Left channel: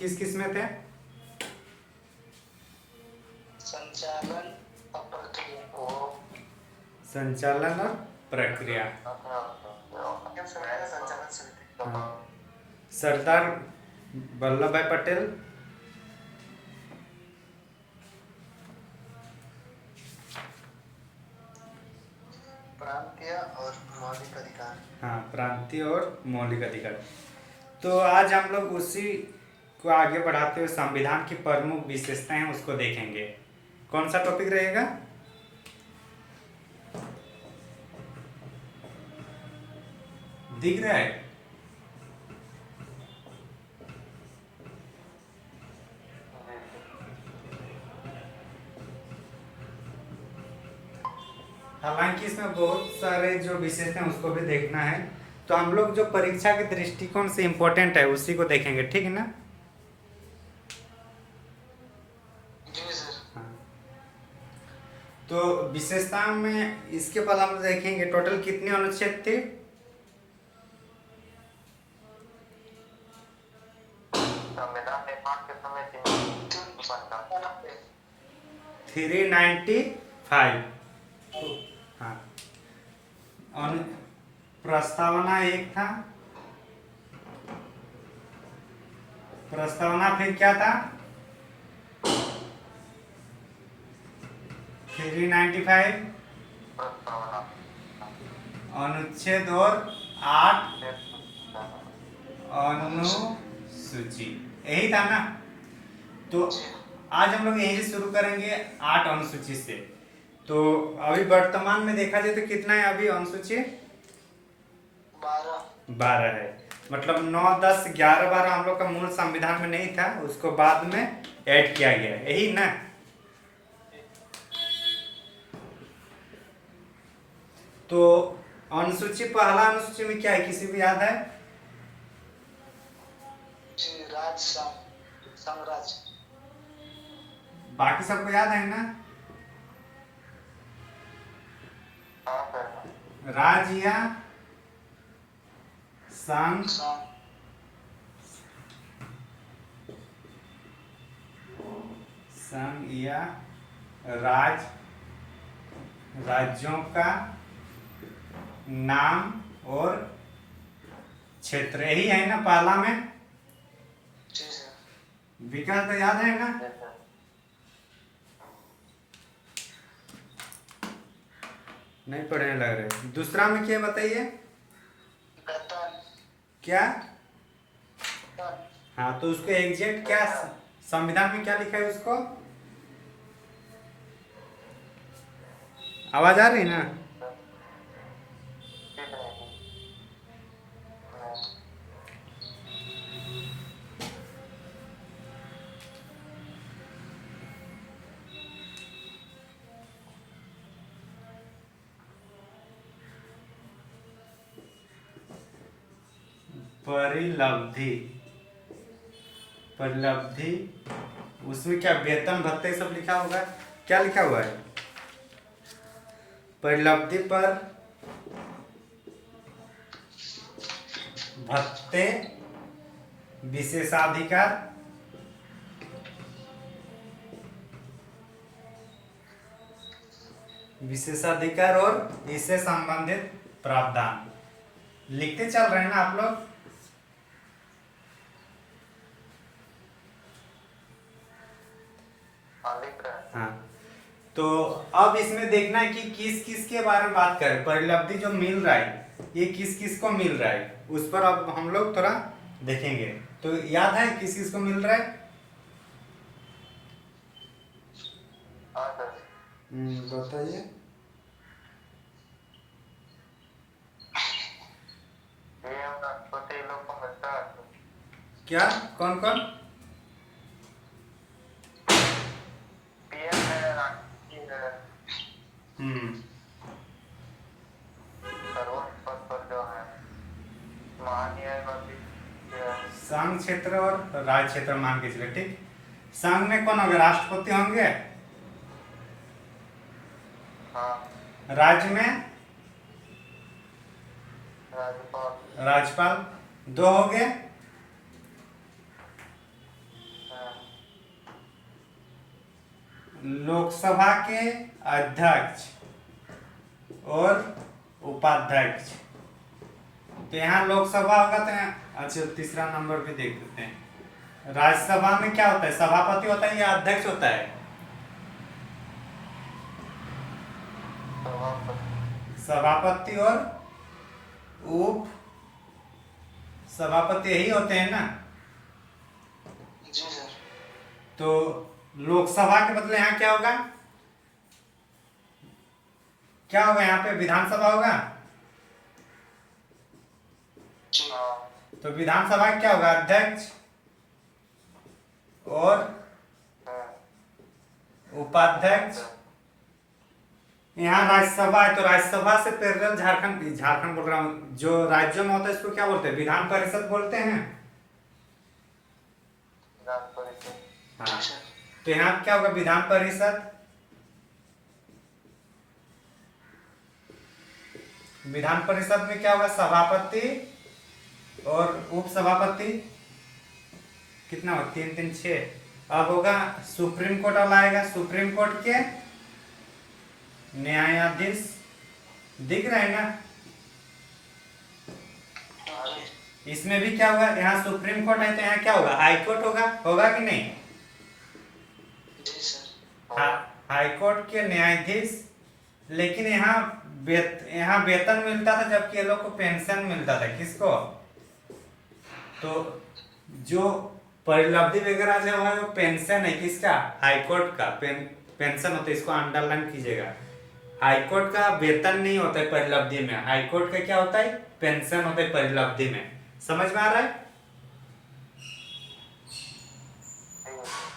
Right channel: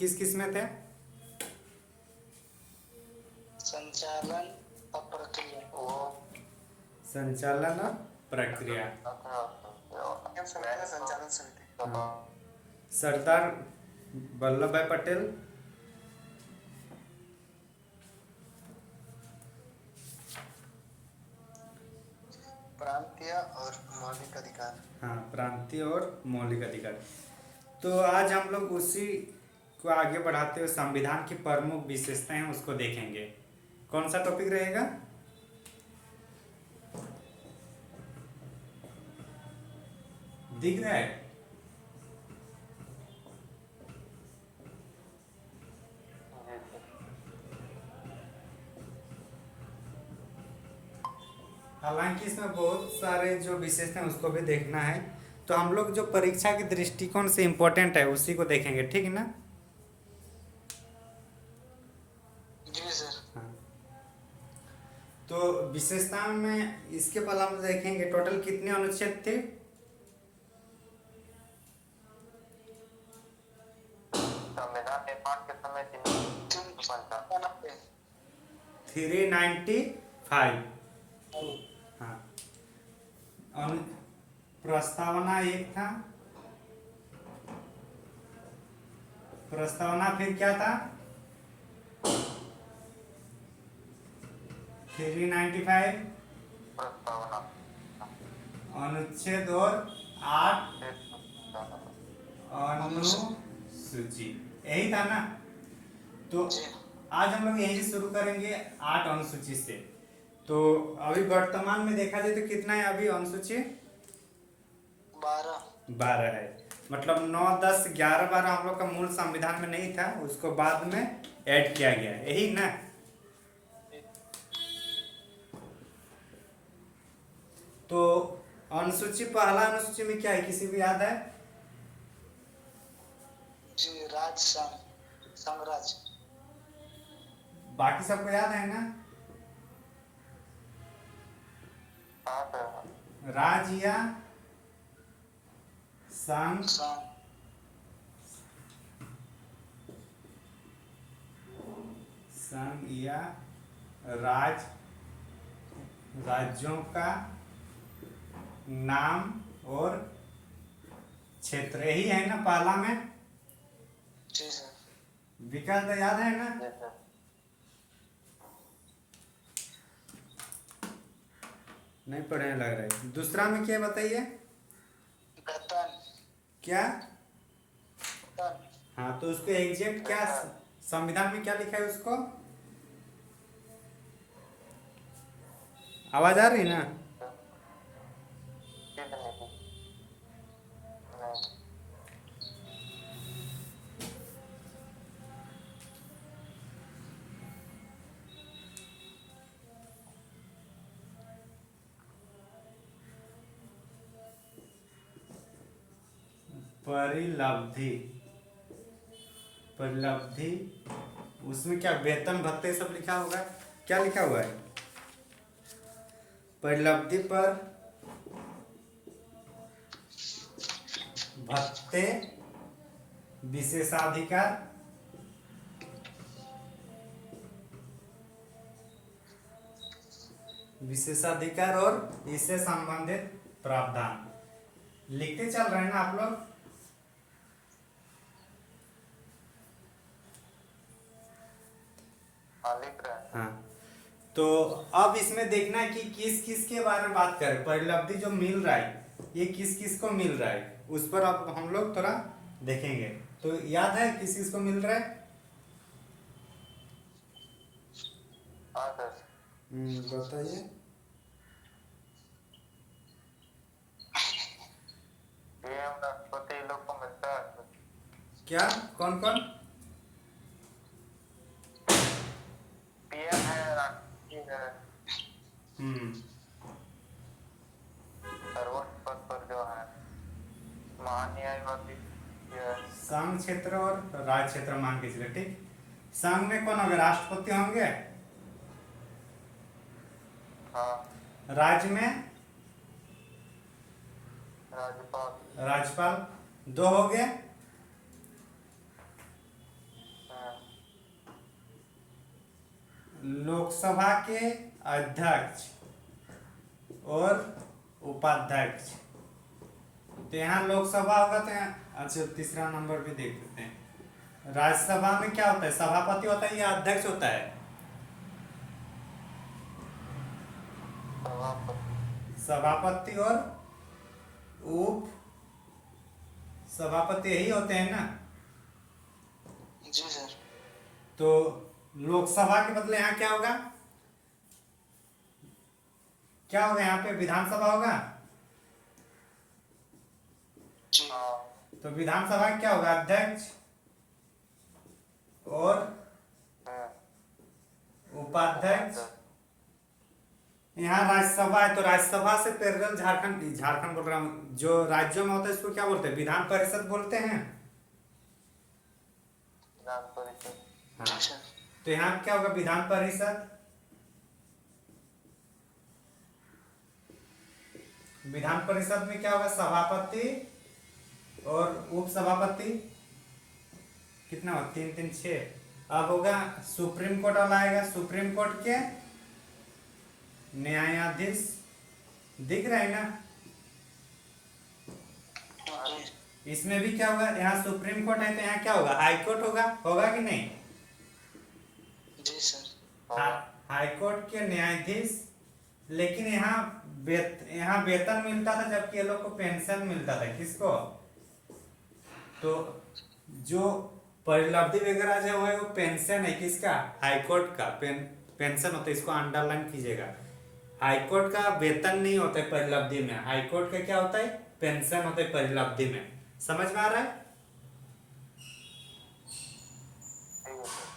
किस किस में थे? संचालन और प्रक्रिया। संचालन और प्रक्रिया। संचालन समिति। हाँ। सरदार वल्लभ भाई पटेल। प्रांतीय और मौलिक अधिकार। हाँ, प्रांतीय और मौलिक अधिकार। तो आज हम लोग उसी को आगे बढ़ाते हुए संविधान की प्रमुख विशेषताएं हैं उसको देखेंगे। कौन सा टॉपिक रहेगा? दिख रहा है? हालांकि इसमें बहुत सारे जो विशेषता हैं उसको भी देखना है, तो हम लोग जो परीक्षा के दृष्टिकोण से इम्पोर्टेंट है उसी को देखेंगे, ठीक है ना? जी सर। हाँ। तो विशेषताओं में इसके बाद हम देखेंगे टोटल कितने अनुच्छेद थे। संविधान निर्माण के समय 395। हाँ। प्रस्तावना एक था। प्रस्तावना फिर क्या था? 395। अनुच्छेद और 8 अनुसूची, यही था ना? तो आज हम लोग यही से शुरू करेंगे 8 अनुसूची से। तो अभी वर्तमान में देखा जाए तो कितना है अभी अनुसूची? 12 है। मतलब 9, 10, 11, 12 हम लोग का मूल संविधान में नहीं था, उसको बाद में ऐड किया गया है, यही ना? तो अनुसूची पहला अनुसूची में क्या है, किसी को याद है? साम्राज्य। बाकी सबको याद है ना? राज्य या संघ। संघ या राज्य, राज्यों का नाम और क्षेत्र, यही है ना पहला में? विकास तो याद है ना? नहीं पढ़ने लग रहे। दूसरा में क्या बताइए? क्या? हाँ, तो उसको एग्जैक्ट क्या संविधान में क्या लिखा है उसको? आवाज आ रही है ना? परिलब्धि। परिलब्धि, उसमें क्या वेतन भत्ते सब लिखा होगा? क्या लिखा हुआ है? परिलब्धि पर भत्ते, विशेषाधिकार, विशेषाधिकार और इससे संबंधित प्रावधान लिखते चल रहे हैं ना आप लोग? हाँ। तो अब इसमें देखना है कि किस किस के बारे में बात करें। परिलब्धि जो मिल रहा है ये किस किस को मिल रहा है, उस पर अब हम लोग थोड़ा देखेंगे। तो याद है किस किस को मिल रहा है? बताइए। छोटे लोग को मिलता है क्या? कौन कौन? संघ क्षेत्र और राज्य क्षेत्र मान के चले, ठीक। संघ में कौन होंगे? राष्ट्रपति होंगे। राज्य में राज्यपाल। दो हो गए। लोकसभा के अध्यक्ष और उपाध्यक्ष। तो यहाँ लोकसभा होगा तो अच्छा तीसरा नंबर पे देख लेते हैं। राज्यसभा में क्या होता है, सभापति होता है या अध्यक्ष होता है? सभापति और उप सभापति यही होते हैं ना। जी सर। तो लोकसभा के बदले यहाँ क्या होगा, क्या होगा यहाँ पे विधानसभा होगा। तो विधानसभा क्या होगा, अध्यक्ष और उपाध्यक्ष। यहाँ राज्यसभा है तो राज्यसभा से पैरेलल झारखंड बोल रहा हूँ, जो राज्यों में होता है इसको क्या बोलते हैं, विधान परिषद बोलते हैं। हाँ, तो यहाँ क्या होगा, विधान परिषद। विधान परिषद में क्या होगा, सभापति और उप सभापति। कितना होगा, 3 3 6। अब होगा सुप्रीम कोर्ट अब आएगा, सुप्रीम कोर्ट के न्यायाधीश दिख रहे हैं ना। इसमें भी क्या होगा, यहाँ सुप्रीम कोर्ट है तो यहाँ क्या होगा, हाई कोर्ट होगा कि नहीं। जी सर। हाई कोर्ट के न्यायाधीश। लेकिन यहाँ वेतन मिलता था, जबकि ये लोग को पेंशन मिलता था। किसको, तो जो परिलब्धि वगैरह जो है वो पेंशन है किसका, हाई कोर्ट का पेंशन होता है। इसको अंडरलाइन कीजिएगा। हाई कोर्ट का वेतन नहीं होता है परिलब्धि में, हाई कोर्ट का क्या होता है, पेंशन होता है परिलब्धि में। समझ में आ रहा है।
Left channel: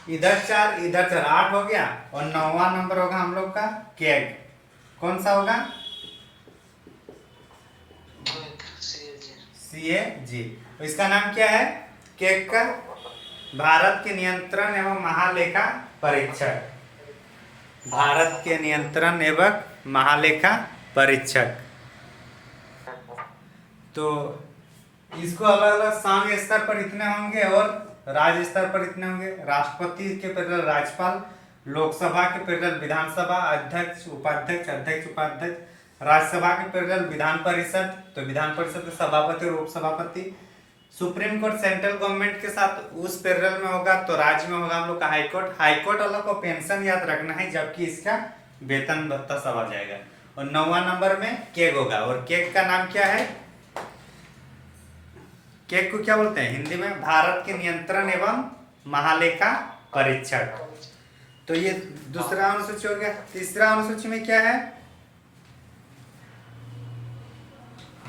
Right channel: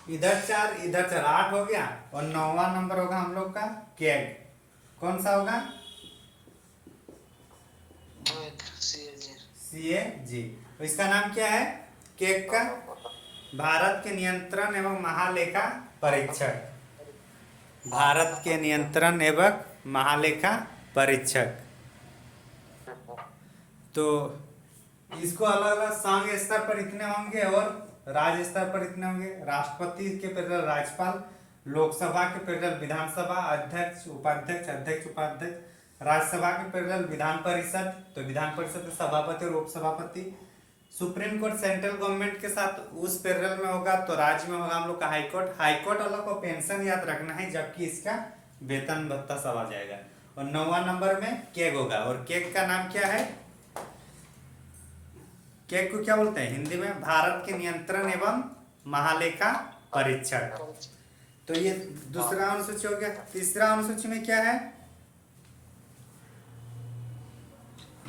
इधर 4 इधर 4, 8 हो गया। और 9वां नंबर होगा हम लोग का कैग। कौन सा होगा, CAG। इसका नाम क्या है, कैग का भारत के नियंत्रण एवं महालेखा परीक्षक। भारत के नियंत्रण एवं महालेखा परीक्षक। तो इसको अलग अलग संघ स्तर पर इतने होंगे और राज्य स्तर पर इतने होंगे। राष्ट्रपति के पैरेलल राज्यपाल, लोकसभा के पैरेलल विधानसभा, अध्यक्ष उपाध्यक्ष, अध्यक्ष उपाध्यक्ष। राज्यसभा के पैरेलल विधान परिषद, तो विधान परिषद के सभापति और उप सभापति। सुप्रीम कोर्ट सेंट्रल गवर्नमेंट के साथ उस पैरेलल में होगा, तो राज्य में होगा हम लोग का हाई कोर्ट। हाई कोर्ट वालों को पेंशन याद रखना है, जबकि इसका वेतन भत्ता सब आ जाएगा। और 9वां नंबर में कैग होगा। और कैग का नाम क्या है, कैग को क्या बोलते हैं हिंदी में, भारत के नियंत्रण एवं महालेखा परीक्षक। तो ये दूसरा अनुसूची हो गया। तीसरा अनुसूची में क्या है,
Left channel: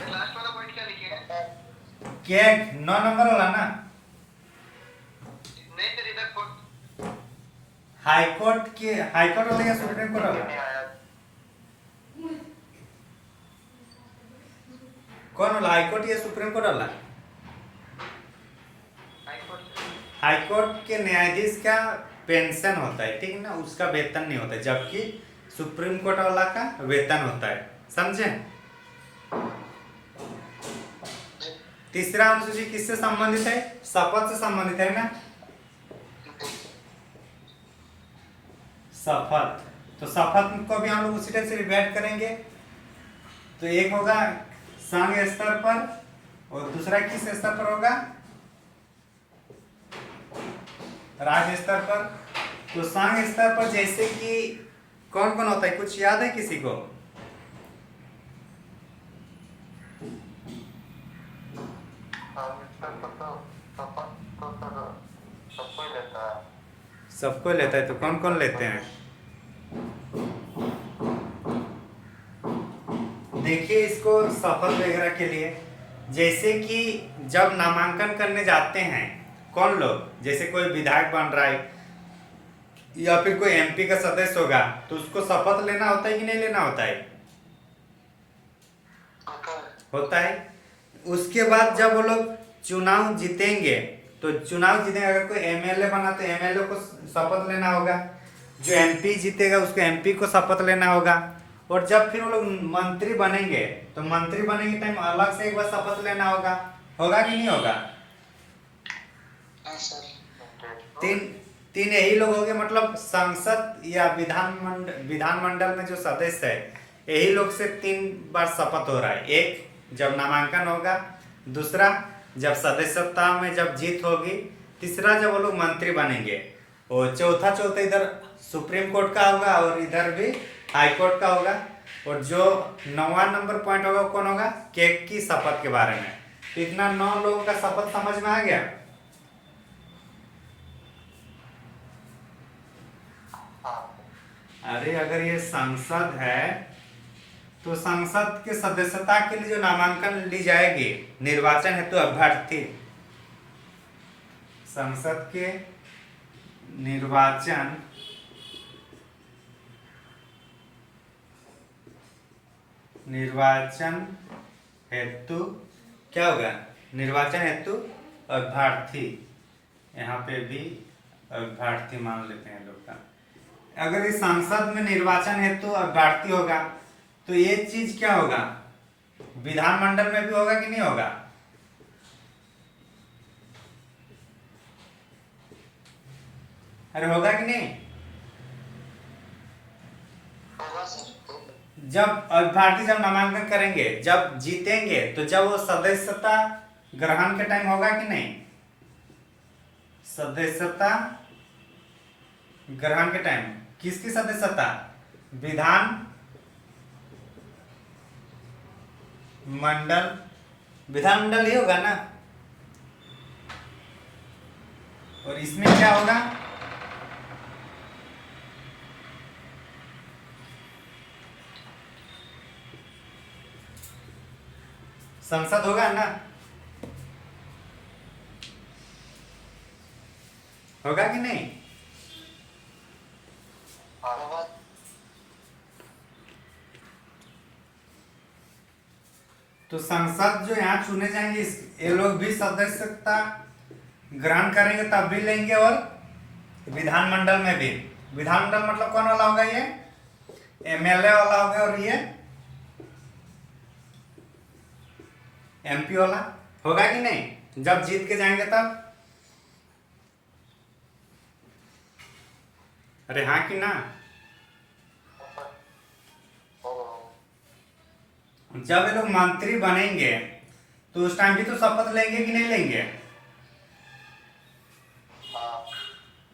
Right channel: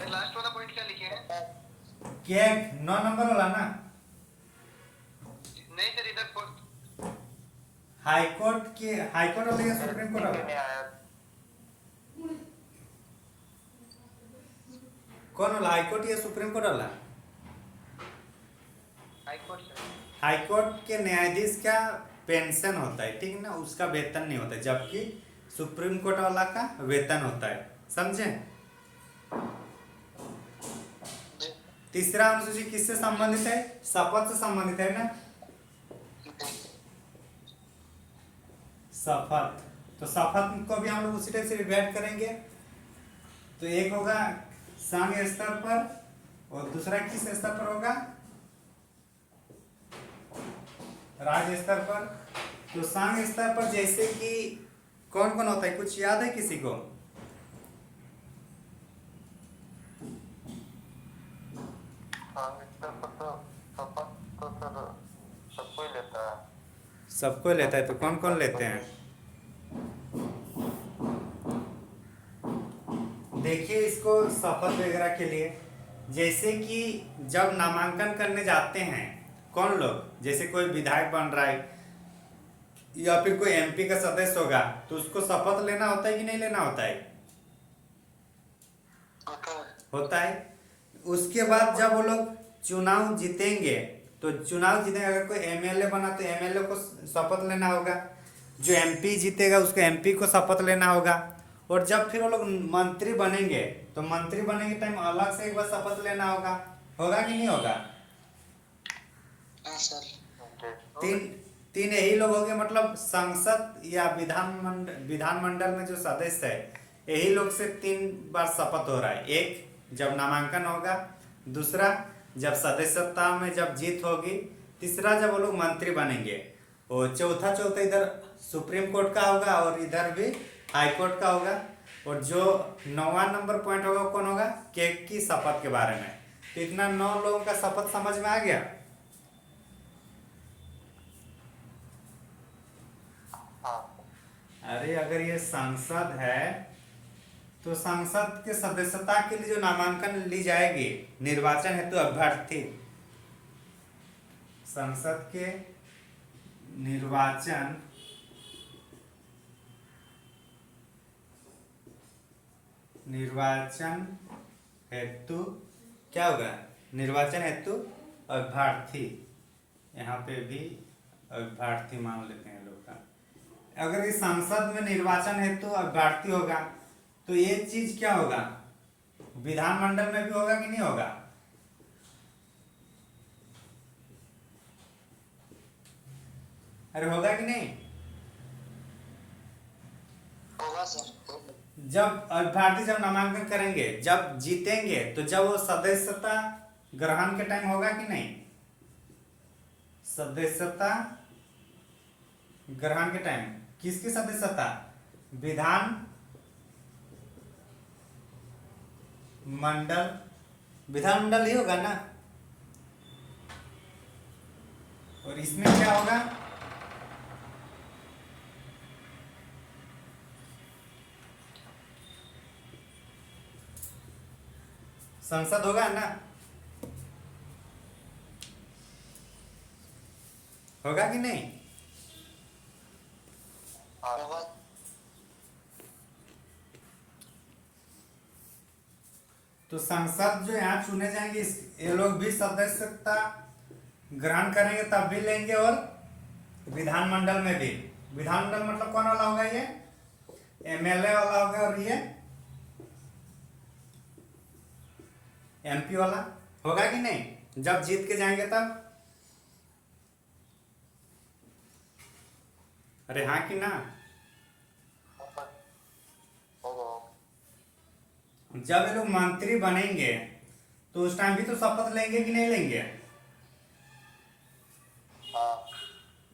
लास्ट वाला पॉइंट क्या लिखे हैं, कैग 9 नंबर वाला ना। नहीं सर, इधर हाई कोर्ट वाला या सुप्रीम कोर्ट वाला, कौन वाला, हाई कोर्ट या सुप्रीम कोर्ट वाला। हाई कोर्ट के न्यायाधीश का पेंशन होता है, ठीक ना, उसका वेतन नहीं होता है, जबकि सुप्रीम कोर्ट वाला का वेतन होता है। समझे। तीसरा अनुसूची किससे संबंधित है, शपथ से संबंधित है ना, शपथ। तो शपथ को भी हम लोग उसी टाइप से रिवाइड करेंगे। तो एक होगा संघ स्तर पर और दूसरा किस स्तर पर होगा, राज्य स्तर पर। तो संघ स्तर पर जैसे कि कौन कौन होता है, कुछ याद है किसी को। सबको लेता है, तो कौन कौन लेते हैं, देखिए इसको शपथ वगैरह के लिए। जैसे कि जब नामांकन करने जाते हैं कौन लोग, जैसे कोई विधायक बन रहा है या फिर कोई MP का सदस्य होगा, तो उसको शपथ लेना होता है कि नहीं लेना होता है, होता है। उसके बाद जब वो लोग चुनाव जीतेंगे, तो चुनाव जीतेंगे, अगर कोई MLA बना तो MLA को शपथ लेना होगा, जो MP जीतेगा उसको MP को शपथ लेना होगा। और जब फिर वो लोग मंत्री बनेंगे, तो मंत्री बनेंगे टाइम अलग से एक बार शपथ लेना होगा कि नहीं होगा। तीन यही लोग होंगे, मतलब संसद या विधानमंडल में जो सदस्य है यही लोग से 3 बार शपथ हो रहा है। एक जब नामांकन होगा, दूसरा जब सदस्यता में जब जीत होगी, तीसरा जब वो लोग मंत्री बनेंगे, और चौथा इधर सुप्रीम कोर्ट का होगा और इधर भी हाई कोर्ट का होगा। और जो 9वां नंबर पॉइंट होगा वो कौन होगा, केक की शपथ के बारे में। तो इतना 9 लोगों का शपथ समझ में आ गया। अरे अगर ये संसद है तो संसद के सदस्यता के लिए जो नामांकन ली जाएगी, निर्वाचन हेतु अभ्यर्थी, संसद के निर्वाचन हेतु क्या होगा, निर्वाचन हेतु अभ्यर्थी, यहाँ पे भी अभ्यर्थी मान लेते हैं लोग का। अगर इस संसद में निर्वाचन हेतु अभ्यर्थी होगा तो ये चीज क्या होगा, विधानमंडल में भी होगा कि नहीं होगा? अरे होगा कि नहीं? होगा सर। जब अभ्यर्थी जब नामांकन करेंगे, जब जीतेंगे, तो जब वो सदस्यता ग्रहण के टाइम होगा कि नहीं? सदस्यता ग्रहण के टाइम किसकी सदस्यता, विधानमंडल ही होगा ना। और इसमें क्या होगा, संसद होगा ना, होगा कि नहीं? होगा। तो संसद जो यहाँ चुने जाएंगे ये लोग भी सदस्यता ग्रहण करेंगे, तब भी लेंगे। और विधानमंडल में भी, विधानमंडल मतलब कौन वाला होगा, ये एमएलए वाला होगा, और ये एमपी वाला होगा कि नहीं, जब जीत के जाएंगे तब। अरे हाँ कि ना? जब ये लोग मंत्री बनेंगे तो उस टाइम भी तो शपथ लेंगे कि नहीं लेंगे?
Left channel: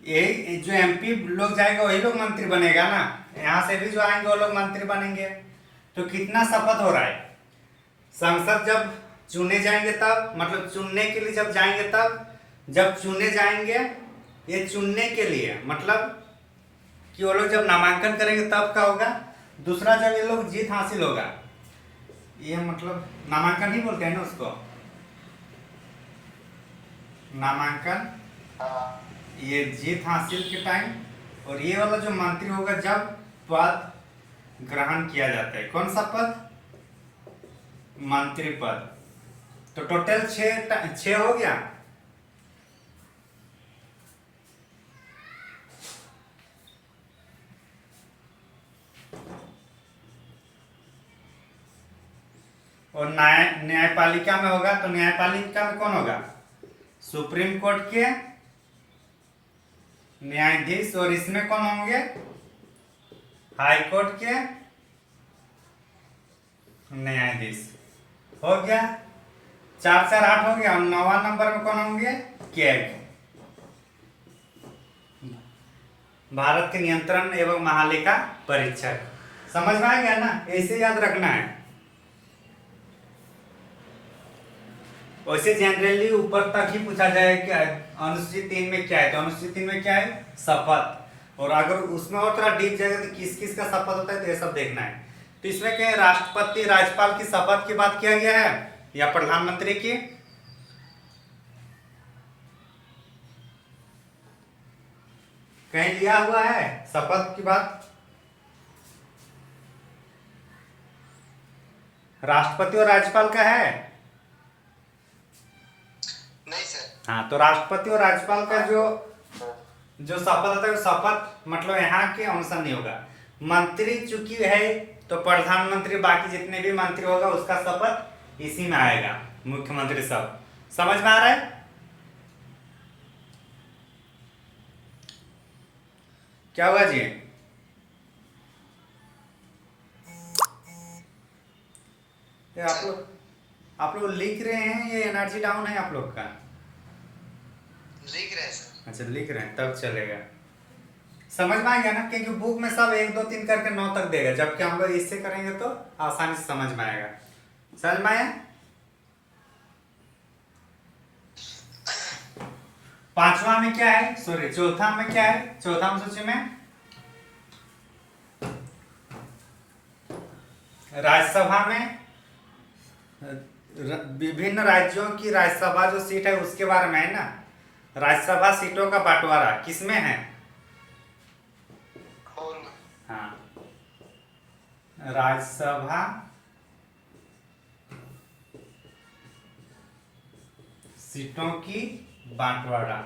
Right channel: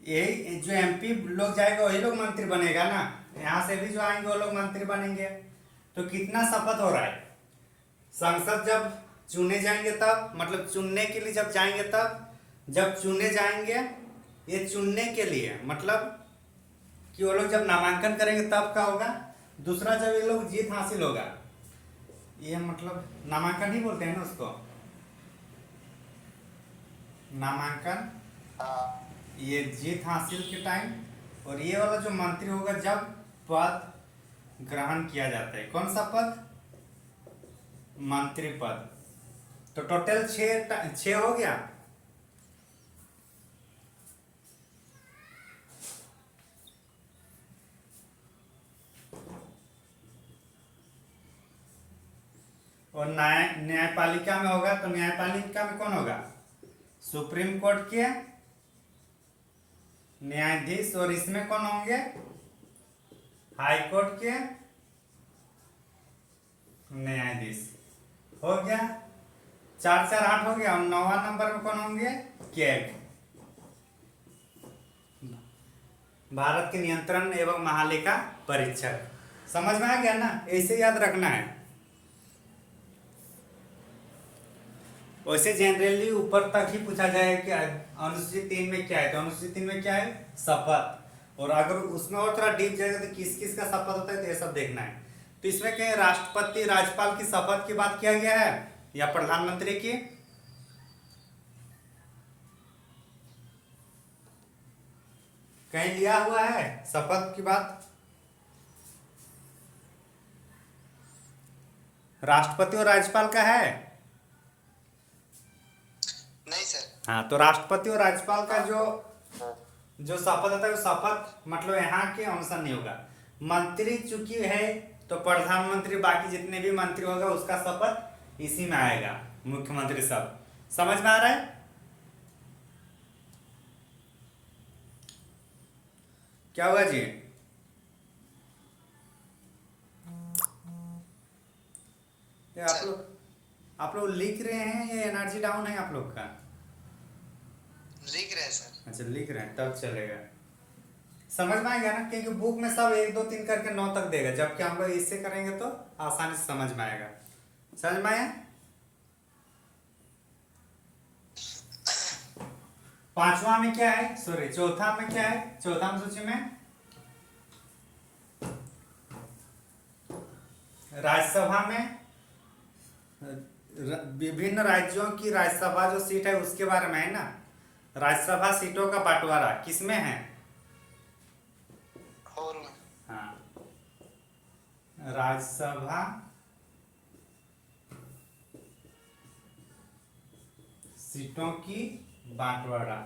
यही जो एमपी लोग जाएगा वही लोग मंत्री बनेगा ना, यहाँ से भी जो आएंगे वो लोग मंत्री बनेंगे। तो कितना शपथ हो रहा है, संसद जब चुने जाएंगे तब, मतलब चुनने के लिए जब जाएंगे तब, जब चुने जाएंगे, ये चुनने के लिए मतलब कि वो लोग जब नामांकन करेंगे तब का होगा। दूसरा जब ये लोग जीत हासिल होगा, ये मतलब नामांकन ही बोलते हैं ना उसको, नामांकन, ये जीत हासिल के टाइम। और ये वाला जो मंत्री होगा जब पद ग्रहण किया जाता है, कौन सा पद, मंत्री पद। तो टोटल 6 हो गया। और न्यायपालिका में होगा, तो न्यायपालिका में कौन होगा, सुप्रीम कोर्ट के न्यायाधीश। और इसमें कौन होंगे, हाई कोर्ट के न्यायाधीश। हो गया 4 4 8 हो गया। और 9वां नंबर में कौन होंगे, कैग, भारत के नियंत्रण एवं महालेखा परीक्षक। समझ में आ गया ना, ऐसे याद रखना है। वैसे जनरली ऊपर तक ही पूछा जाए कि अनुसूचित 3 में क्या है, तो अनुसूचित 3 में क्या है, शपथ। और अगर उसमें और थोड़ा डीप जाएगा तो किस किस का शपथ होता है, तो ये सब देखना है। तो इसमें क्या, राष्ट्रपति राज्यपाल की शपथ की बात किया गया है या प्रधानमंत्री की? कहीं लिया हुआ है शपथ की बात? राष्ट्रपति और राज्यपाल का है? नहीं सर। हाँ, तो राष्ट्रपति और राज्यपाल का जो शपथ होता है, शपथ मतलब यहाँ के अनुसार नहीं होगा। मंत्री चुकी है तो प्रधानमंत्री, बाकी जितने भी मंत्री होगा उसका शपथ इसी में आएगा, मुख्यमंत्री सब। समझ में आ रहा है? क्या हुआ जी? ये आप लोग लिख रहे हैं, ये एनर्जी डाउन है आप लोग का? लिख रहे हैं सर। अच्छा लिख रहे हैं तब चलेगा। समझ में आएगा ना, क्योंकि बुक में सब 1 2 3 करके 9 तक देगा, जबकि हम लोग इससे करेंगे तो आसानी से समझ में आएगा। समझ में आया? पांचवा में क्या है, सॉरी चौथा में क्या है, चौथा में सूची में राज्यसभा में विभिन्न राज्यों की राज्यसभा जो सीट है उसके बारे में है ना। राज्यसभा सीटों का बंटवारा किसमें है? हाँ, राज्यसभा सीटों की बंटवारा।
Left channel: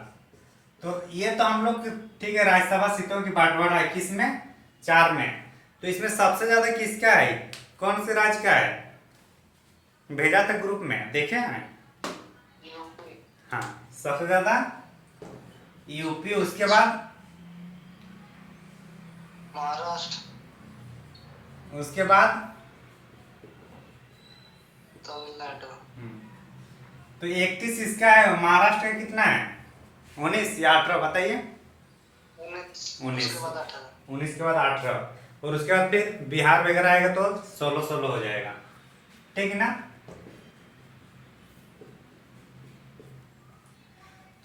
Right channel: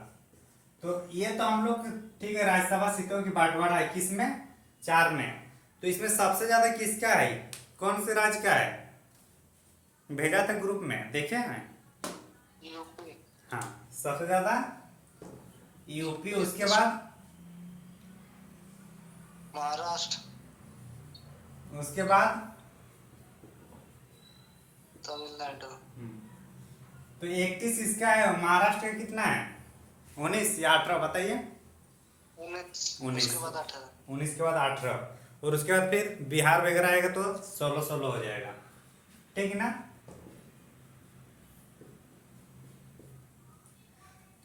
तो ये तो हम लोग ठीक है, राज्यसभा सीटों की बंटवारा है किसमें? 4 में। तो इसमें सबसे ज्यादा किसका है, कौन से राज्य का है? भेजा था ग्रुप में, देखे हैं? हाँ, सबसे ज्यादा यूपी, उसके बाद महाराष्ट्र, उसके बाद तमिलनाडु। तो 31 इसका है। महाराष्ट्र का कितना है? 19 या 18 बताइए? 19 उसके बाद 18। 19 के बाद 18 और उसके बाद फिर बिहार वगैरह आएगा तो 16 हो जाएगा, ठीक है ना।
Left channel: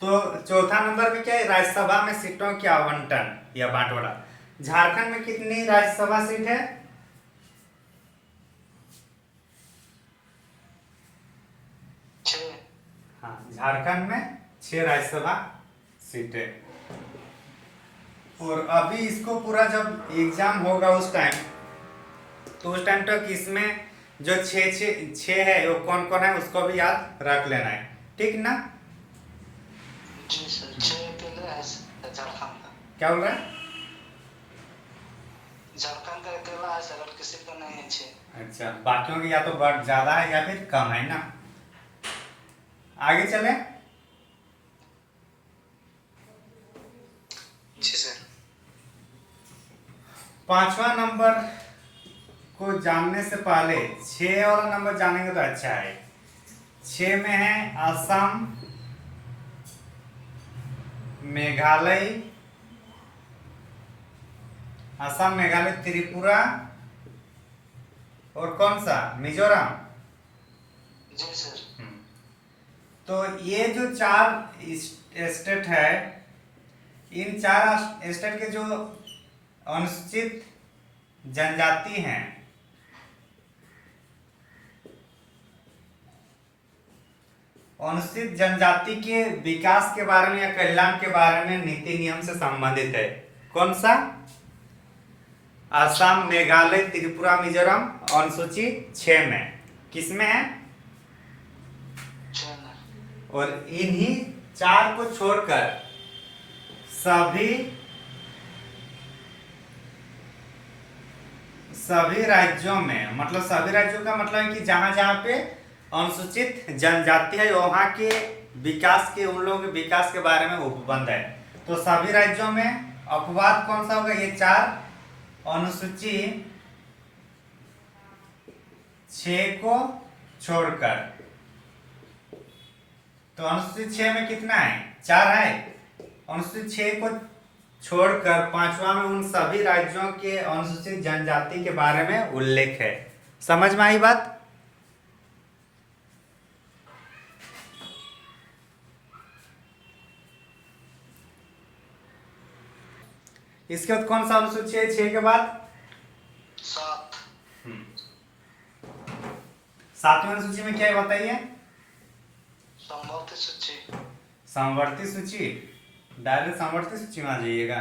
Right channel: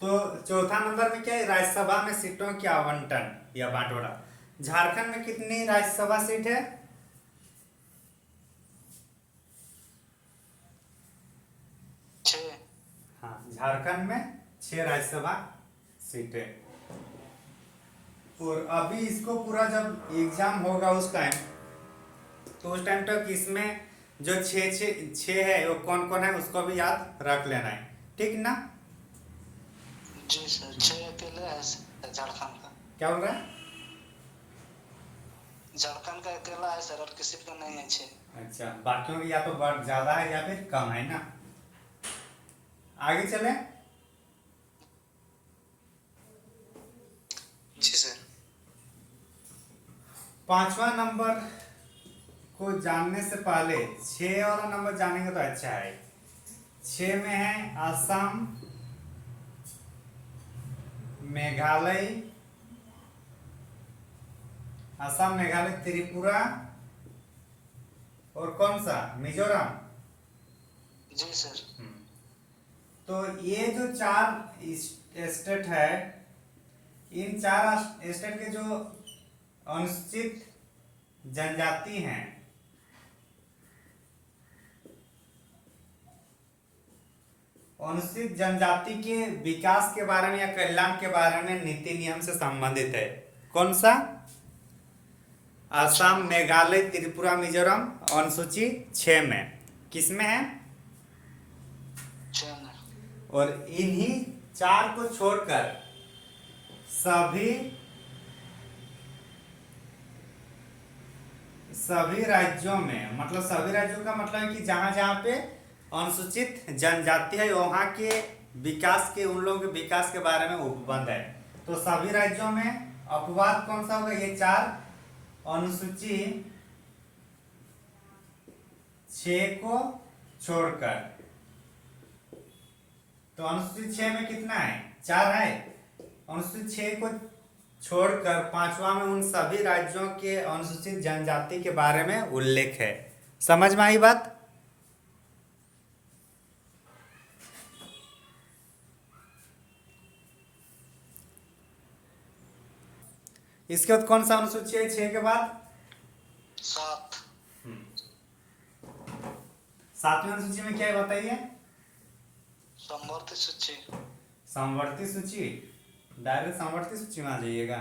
तो चौथा नंबर पे क्या है, राज्यसभा में सीटों की आवंटन या बांटवारा। झारखंड में कितनी राज्यसभा सीट है? 6। हाँ, झारखंड में 6 राज्यसभा सीटें। और अभी इसको पूरा जब एग्जाम होगा उस टाइम, तो उस टाइम तक इसमें जो 6 है वो कौन कौन है उसको भी याद रख लेना है, ठीक ना। जी सर, 6 अकेले है झारखंड का। क्या बोल रहा है? झारखंड का अकेला है सर, और किसी का नहीं है 6। अच्छा, बाकियों की या तो बढ़ ज्यादा है या फिर कम है ना। आगे चले। जी सर। 5वां नंबर को जानने से पहले 6 वाला नंबर जानेंगे तो अच्छा है। 6 में है असम, मेघालय, असम, मेघालय, त्रिपुरा और कौन सा, मिजोरम। जी सर। तो ये जो 4 स्टेट है, इन 4 स्टेट के जो अनुसूचित जनजाति हैं, अनुसूचित जनजाति के विकास के बारे में या कल्याण के बारे में नीति नियम से संबंधित है। कौन सा? असम, मेघालय, त्रिपुरा, मिजोरम, अनुसूची 6 में। किसमें है? और इन्हीं 4 को छोड़कर सभी राज्यों में, मतलब सभी राज्यों का मतलब है कि जहां जहां पे अनुसूचित जनजाति है वहां के विकास के, उन लोगों के विकास के बारे में उपबंध है। तो सभी राज्यों में अपवाद कौन सा होगा? ये 4 अनुसूची 6 को छोड़कर। तो अनुसूचित 6 में कितना है? 4 है। अनुसूचित 6 को छोड़कर 5वां में उन सभी राज्यों के अनुसूचित जनजाति के बारे में उल्लेख है। समझ में आई बात? इसके बाद कौन सा अनुसूची है 6 के बाद? 7। 7वीं अनुसूची में क्या है बताइए? समवर्ती सूची। समवर्ती सूची, डायरेक्ट समवर्ती सूची में आ जाइएगा।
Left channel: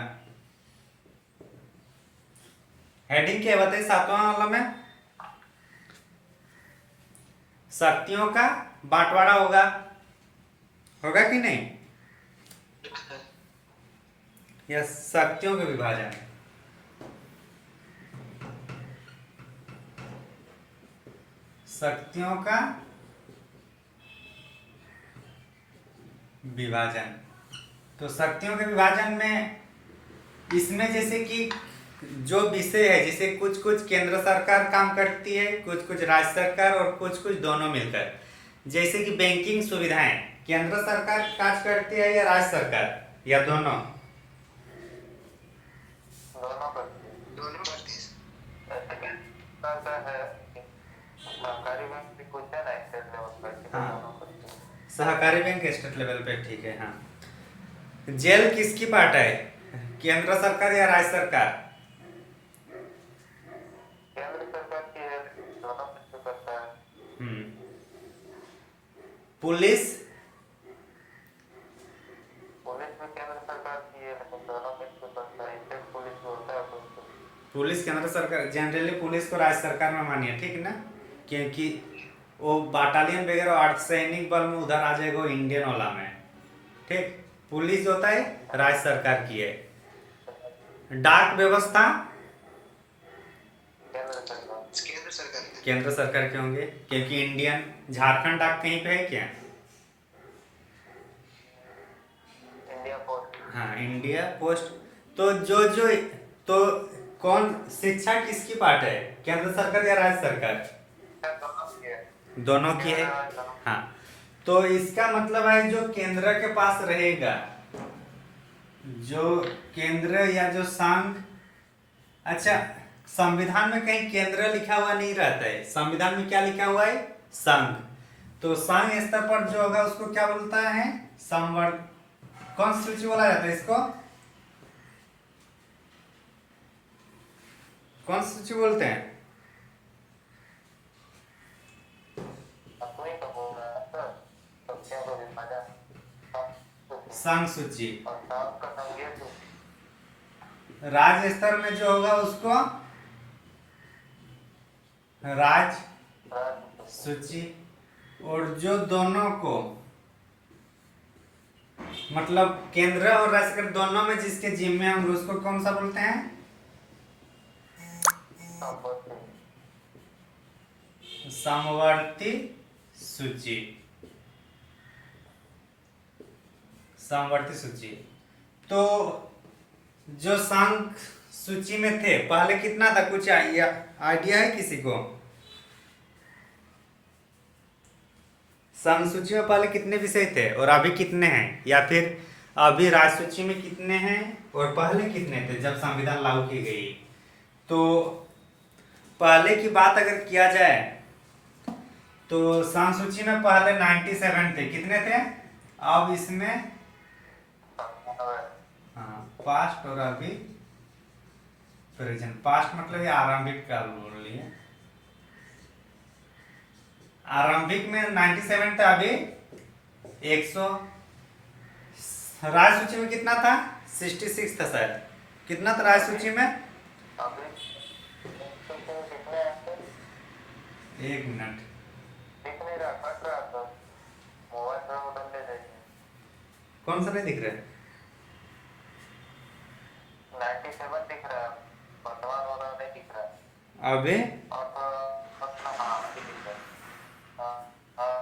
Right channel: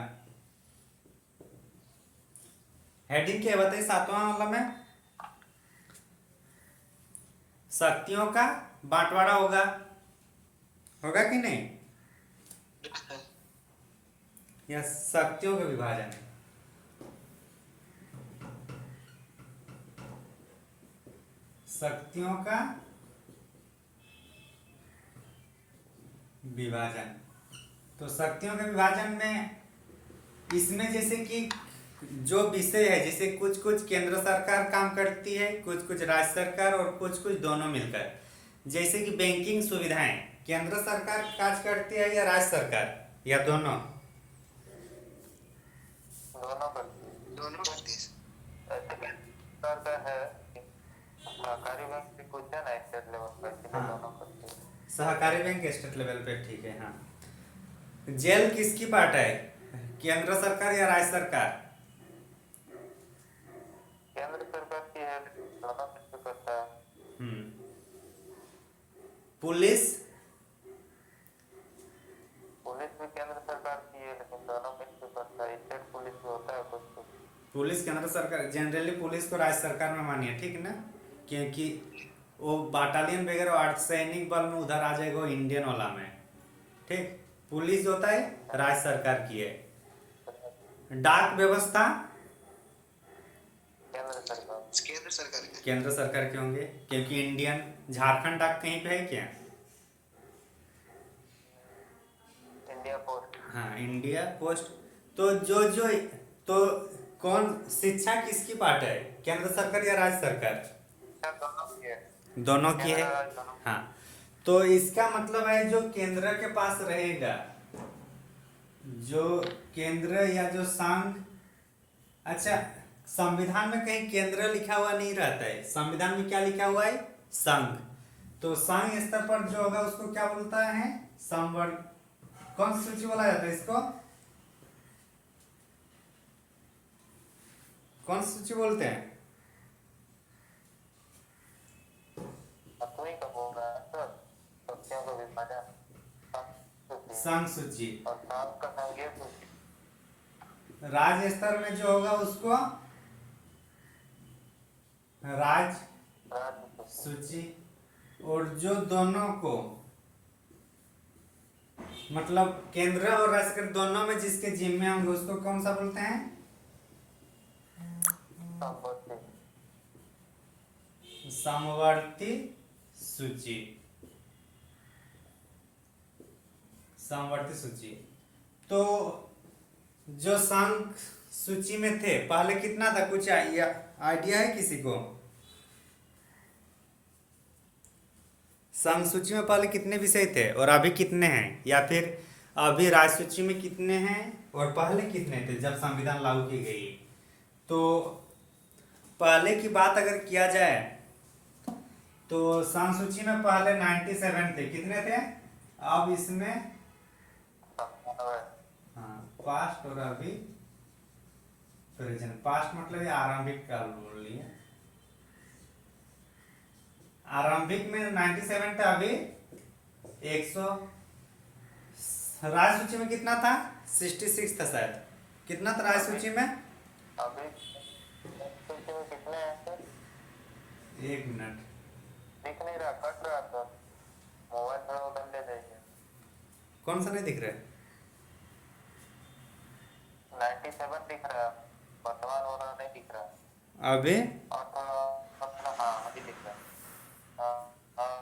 हेडिंग क्या है बताइए 7वां वाला में? शक्तियों का बंटवारा होगा, होगा कि नहीं? या शक्तियों का विभाजन। शक्तियों का विभाजन। तो शक्तियों के विभाजन में इसमें जैसे कि जो विषय है, जैसे कुछ कुछ केंद्र सरकार काम करती है, कुछ कुछ राज्य सरकार और कुछ कुछ दोनों मिलकर। जैसे कि बैंकिंग सुविधाएं केंद्र सरकार काज करती है या राज्य सरकार या दोनों? दोनों करती है। दोनों करती है। ऐसा क्या है सहकारी बैंक भी कुछ है ना स्टेट लेवल पर कि हाँ, दोनों करती है। सहकारी बैंक स्टेट लेवल पे, ठीक है। हाँ, जेल किसकी पार्ट है, केंद्र सरकार या राज्य सरकार? केंद्र सरकार की है, दोनों मिलकर करता है। हम्म। पुलिस? पुलिस भी केंद्र सरकार की है लेकिन दोनों मिलकर करता है। स्टेट पुलिस जो होता है कुछ पुलिस केंद्र सरकार, जनरली पुलिस को राज्य सरकार में मानिए, ठीक ना, क्योंकि वो बटालियन वगैरह अर्धसैनिक बल में उधर आ जाएगा वो इंडियन वाला में, ठीक। पुलिस जो होता है राज्य सरकार की है। डाक व्यवस्था केंद्र सरकार। केंद्र सरकार की। केंद्र सरकार के होंगे, क्योंकि इंडियन झारखंड डाक कहीं पे है क्या? India post. हाँ, इंडिया पोस्ट। तो जो जो तो कौन, शिक्षा किसकी पार्ट है, केंद्र सरकार या राज्य सरकार? दोनों की है। दोनों की है। केंद्र राज्य दोनों। हाँ, तो इसका मतलब है जो केंद्र के पास रहेगा, जो केंद्र या जो संघ, अच्छा, संविधान में कहीं केंद्र लिखा हुआ नहीं रहता है, संविधान में क्या लिखा हुआ है, संघ। तो संघ स्तर पर जो होगा उसको क्या बोलता है, संवर्ग, कौन सूची बोला जाता है इसको, कौन सूची बोलते हैं? अपनी तो बोल रहा है सर, सबके को विभाजन संघ सूची। और साफ का संघीय सूची। राज्य स्तर में जो होगा उसको राज्य राज्य सूची। और जो दोनों को, मतलब केंद्र और राज्य सरकार दोनों में जिसके जिम्मे होंगे उसको कौन सा बोलते हैं, संपत्ति। समवर्ती सूची। समवर्ती सूची। तो जो संघ सूची में थे पहले कितना था, कुछ आइडिया है किसी को? संघ सूची में पहले कितने विषय थे और अभी कितने हैं, या फिर अभी राज्य सूची में कितने हैं और पहले कितने थे जब संविधान लागू की गई? तो पहले की बात अगर किया जाए तो संघ सूची में पहले 97 थे, कितने थे? अब इसमें हाँ, पास्ट और अभी प्रेजेंट। पास्ट मतलब ये आरंभिक काल बोल लिए, आरंभिक में 97 था, अभी 100। राज्य सूची में कितना था, 66 था शायद। कितना था राज्य सूची में? अभी कितने हैं? एक मिनट, दिख नहीं रहा, कट रहा तो मोबाइल थोड़ा बदल ले जाइए। कौन सा नहीं दिख रहा है? 97 दिख रहा है, वर्तमान वाला नहीं दिख रहा है। अभी और अपना हाँ नहीं दिख रहा है। हाँ।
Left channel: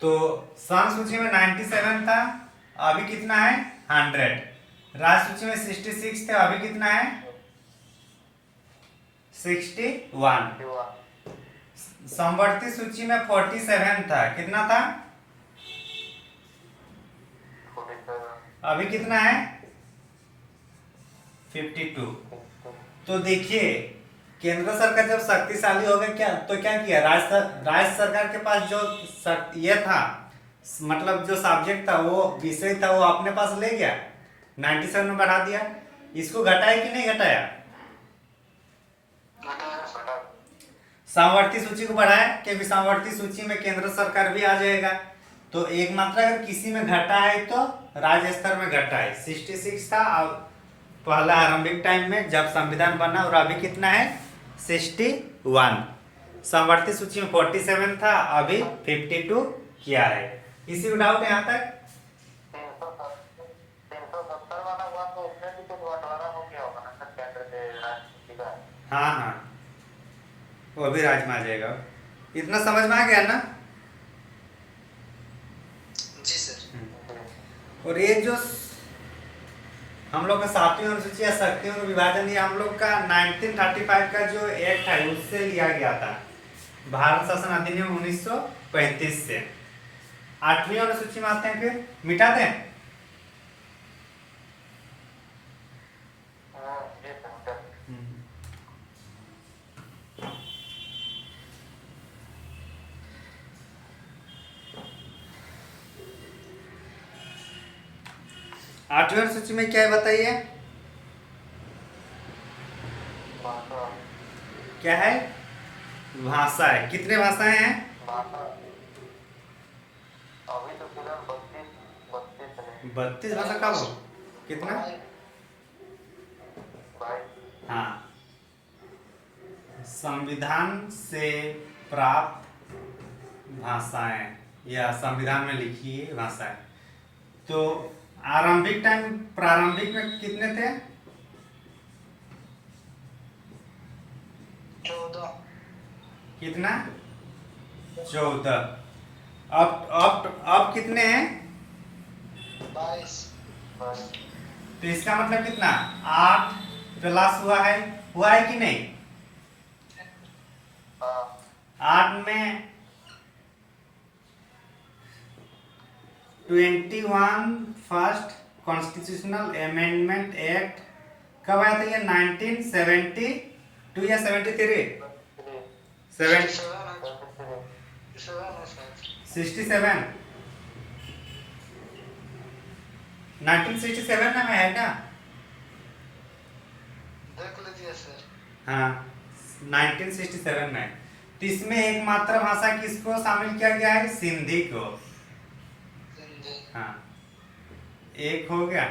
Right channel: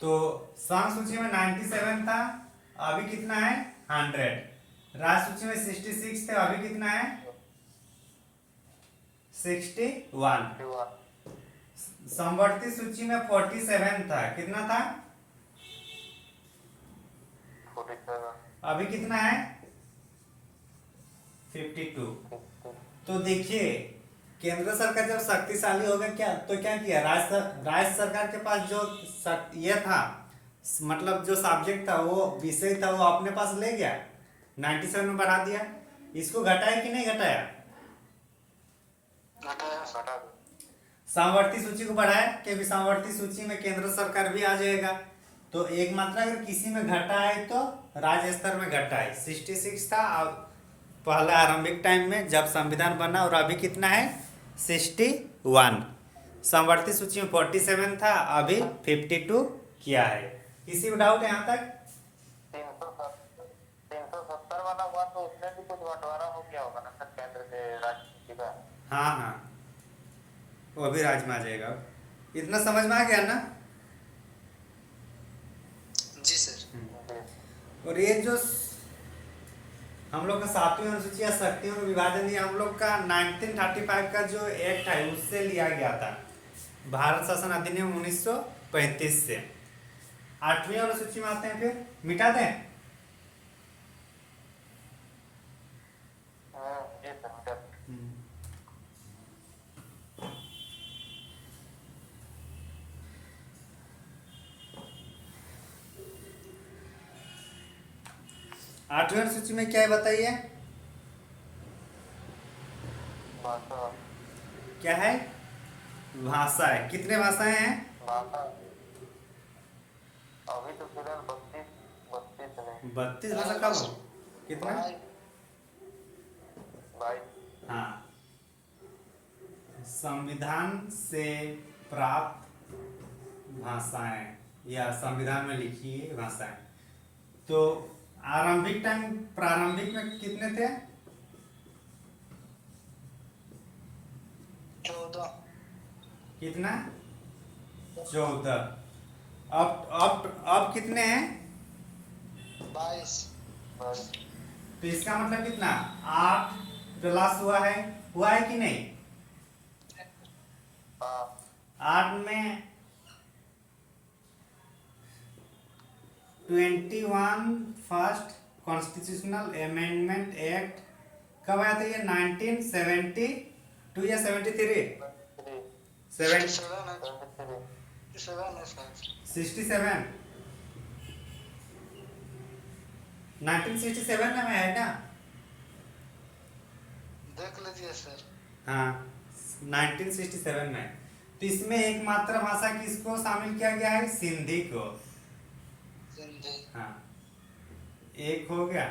तो संघ सूची में 97 था, अभी कितना है, 100। राज्य सूची में 66 थे, अभी कितना है, 61। समवर्ती सूची में 47 था, कितना था, अभी कितना है, 52। तो देखिए केंद्र सरकार जब शक्तिशाली हो गया क्या, तो क्या किया, राज्य सरकार के पास जो ये था, मतलब जो सब्जेक्ट था, वो विषय था, वो अपने पास ले गया, 97 में बढ़ा दिया। इसको घटाया कि नहीं घटाया? समवर्ती सूची को बढ़ाया, क्योंकि समवर्ती सूची में केंद्र सरकार भी आ जाएगा। तो एक मात्रा अगर किसी में घटा है तो राज्य स्तर में घटा है, 66 था अब पहला आरंभिक टाइम में जब संविधान बना, और अभी कितना है, 61। समवर्ती सूची में 47 था, अभी 52 किया है। किसी को डाउट यहाँ तक? 370 वाला हुआ तो उसमें भी कुछ बंटवारा हो गया होगा ना सर, केंद्र से राज्य का। हाँ हाँ, वो भी राज्य में आ जाएगा। इतना समझ में आ गया ना? जी सर। और ये जो हम लोग का 7वीं अनुसूची या शक्तियों का विभाजन ये हम लोग का 1935 का जो एक्ट है उससे लिया गया था, भारत शासन अधिनियम 1935 से। 8वीं अनुसूची में आते हैं, फिर मिटा दें। ये समझा। 8वीं अनुसूची में क्या है बताइए, भाषा क्या है? भाषा है। कितने भाषाएं हैं? भाषा अभी तो फिलहाल 32 है। 32 भाषा कब हो? कितना? 22। हाँ, संविधान से प्राप्त भाषाएं या संविधान में लिखी है भाषाएं। तो प्रारंभिक में कितने थे? 14। कितना? 14। अब कितने हैं? 22। तो इसका मतलब कितना? 8 प्लस हुआ है कि नहीं? 8 में 21 फर्स्ट कॉन्स्टिट्यूशनल अमेंडमेंट एक्ट कब आया था? ये 1972 या 73? 67। 1967 में है ना? देख लीजिए सर। हाँ, 1967 में। तो इसमें एक मातृभाषा किसको शामिल किया गया है? सिंधी को। हाँ, एक हो गया।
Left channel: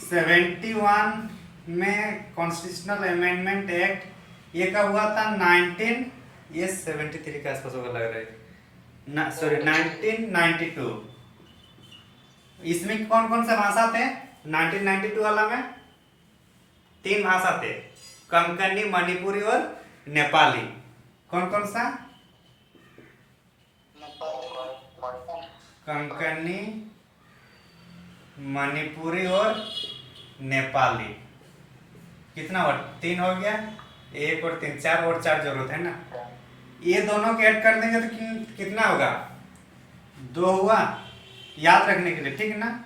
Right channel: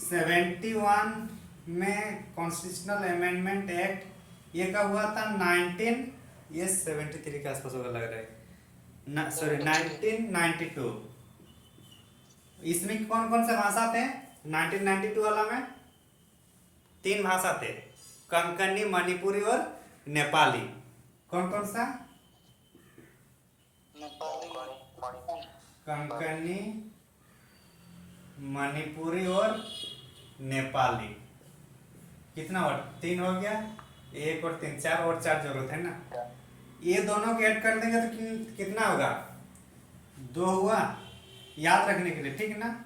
71 में कॉन्स्टिट्यूशनल अमेंडमेंट एक्ट ये कब हुआ था? 73 के आसपास होगा लग रहा है, सॉरी 1992। इसमें कौन कौन से भाषा थे 1992 वाला में? 3 भाषा थे, कंकनी, मणिपुरी और नेपाली। कौन कौन सा? कंकनी, मणिपुरी और नेपाली। कितना हुआ? 3 हो गया। 1 और 3, 4 और 4 जरूरत है ना। ये दोनों को ऐड कर देंगे तो कितना होगा? 2 हुआ। याद रखने के लिए, ठीक है ना?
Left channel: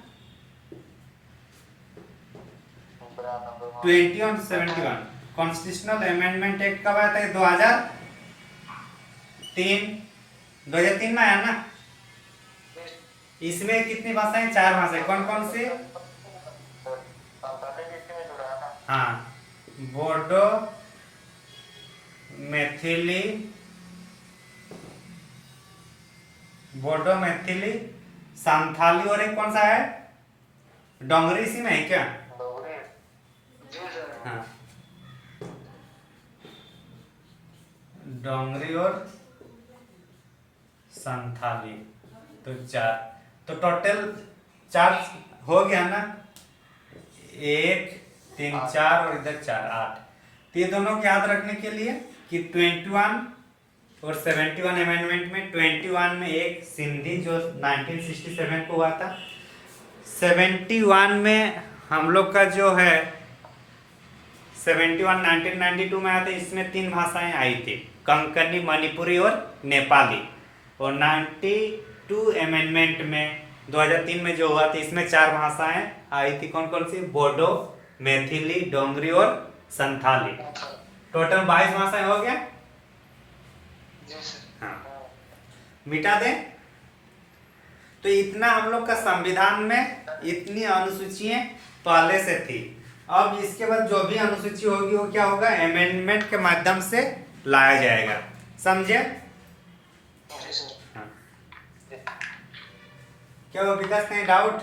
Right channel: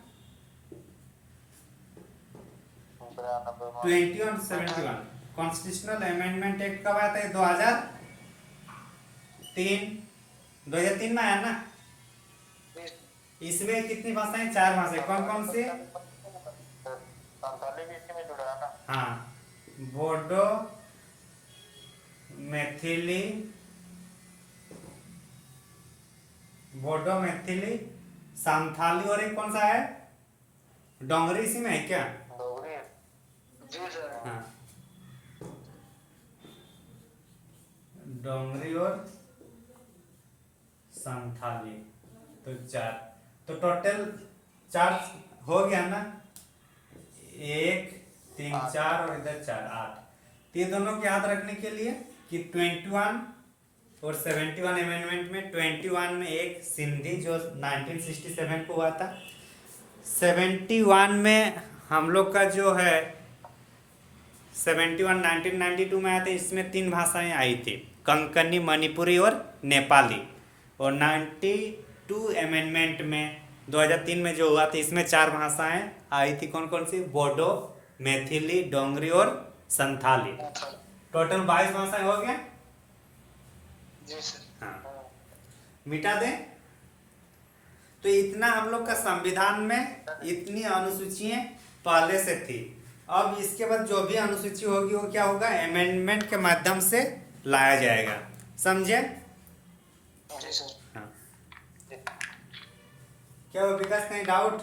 20 और 71 कॉन्स्टिट्यूशनल अमेंडमेंट एक्ट कब आया था? 2003 में आया ना। इसमें कितनी भाषाएं? 4 भाषाएं। कौन कौन सी? हाँ, बोडो, मैथिली, संथाली और एक कौन सा है? डोंगरी इसी में है क्या? हाँ, डोंगरी और संथाली। तो 4, तो टोटल 4 हो गया ना। 1 3 4 और इधर 4 8। तो ये दोनों को याद रखने के लिए कि 21 और 71 अमेंडमेंट में 21 में एक सिंधी जो 1967 को हुआ था, 71 में हम लोग का जो है 71 1992 में आया था। इसमें 3 भाषाएं आई थी, कंकनी, मणिपुरी और नेपाली। और 92 अमेंडमेंट में 2003 में जो हुआ था इसमें 4 भाषाएं आई थी। कौन कौन सी? बोडो, मैथिली, डोंगरी और संथाली। टोटल 22 भाषाएं हो गया। हाँ, मिटा दें। तो इतना हम लोग का संविधान में इतनी अनुसूचियां पहले से थी। अब इसके बाद जो भी अनुसूची होगी वो क्या होगा? अमेंडमेंट के माध्यम से लाया जाएगा। समझे? हाँ। क्या वो विकास, कहीं डाउट?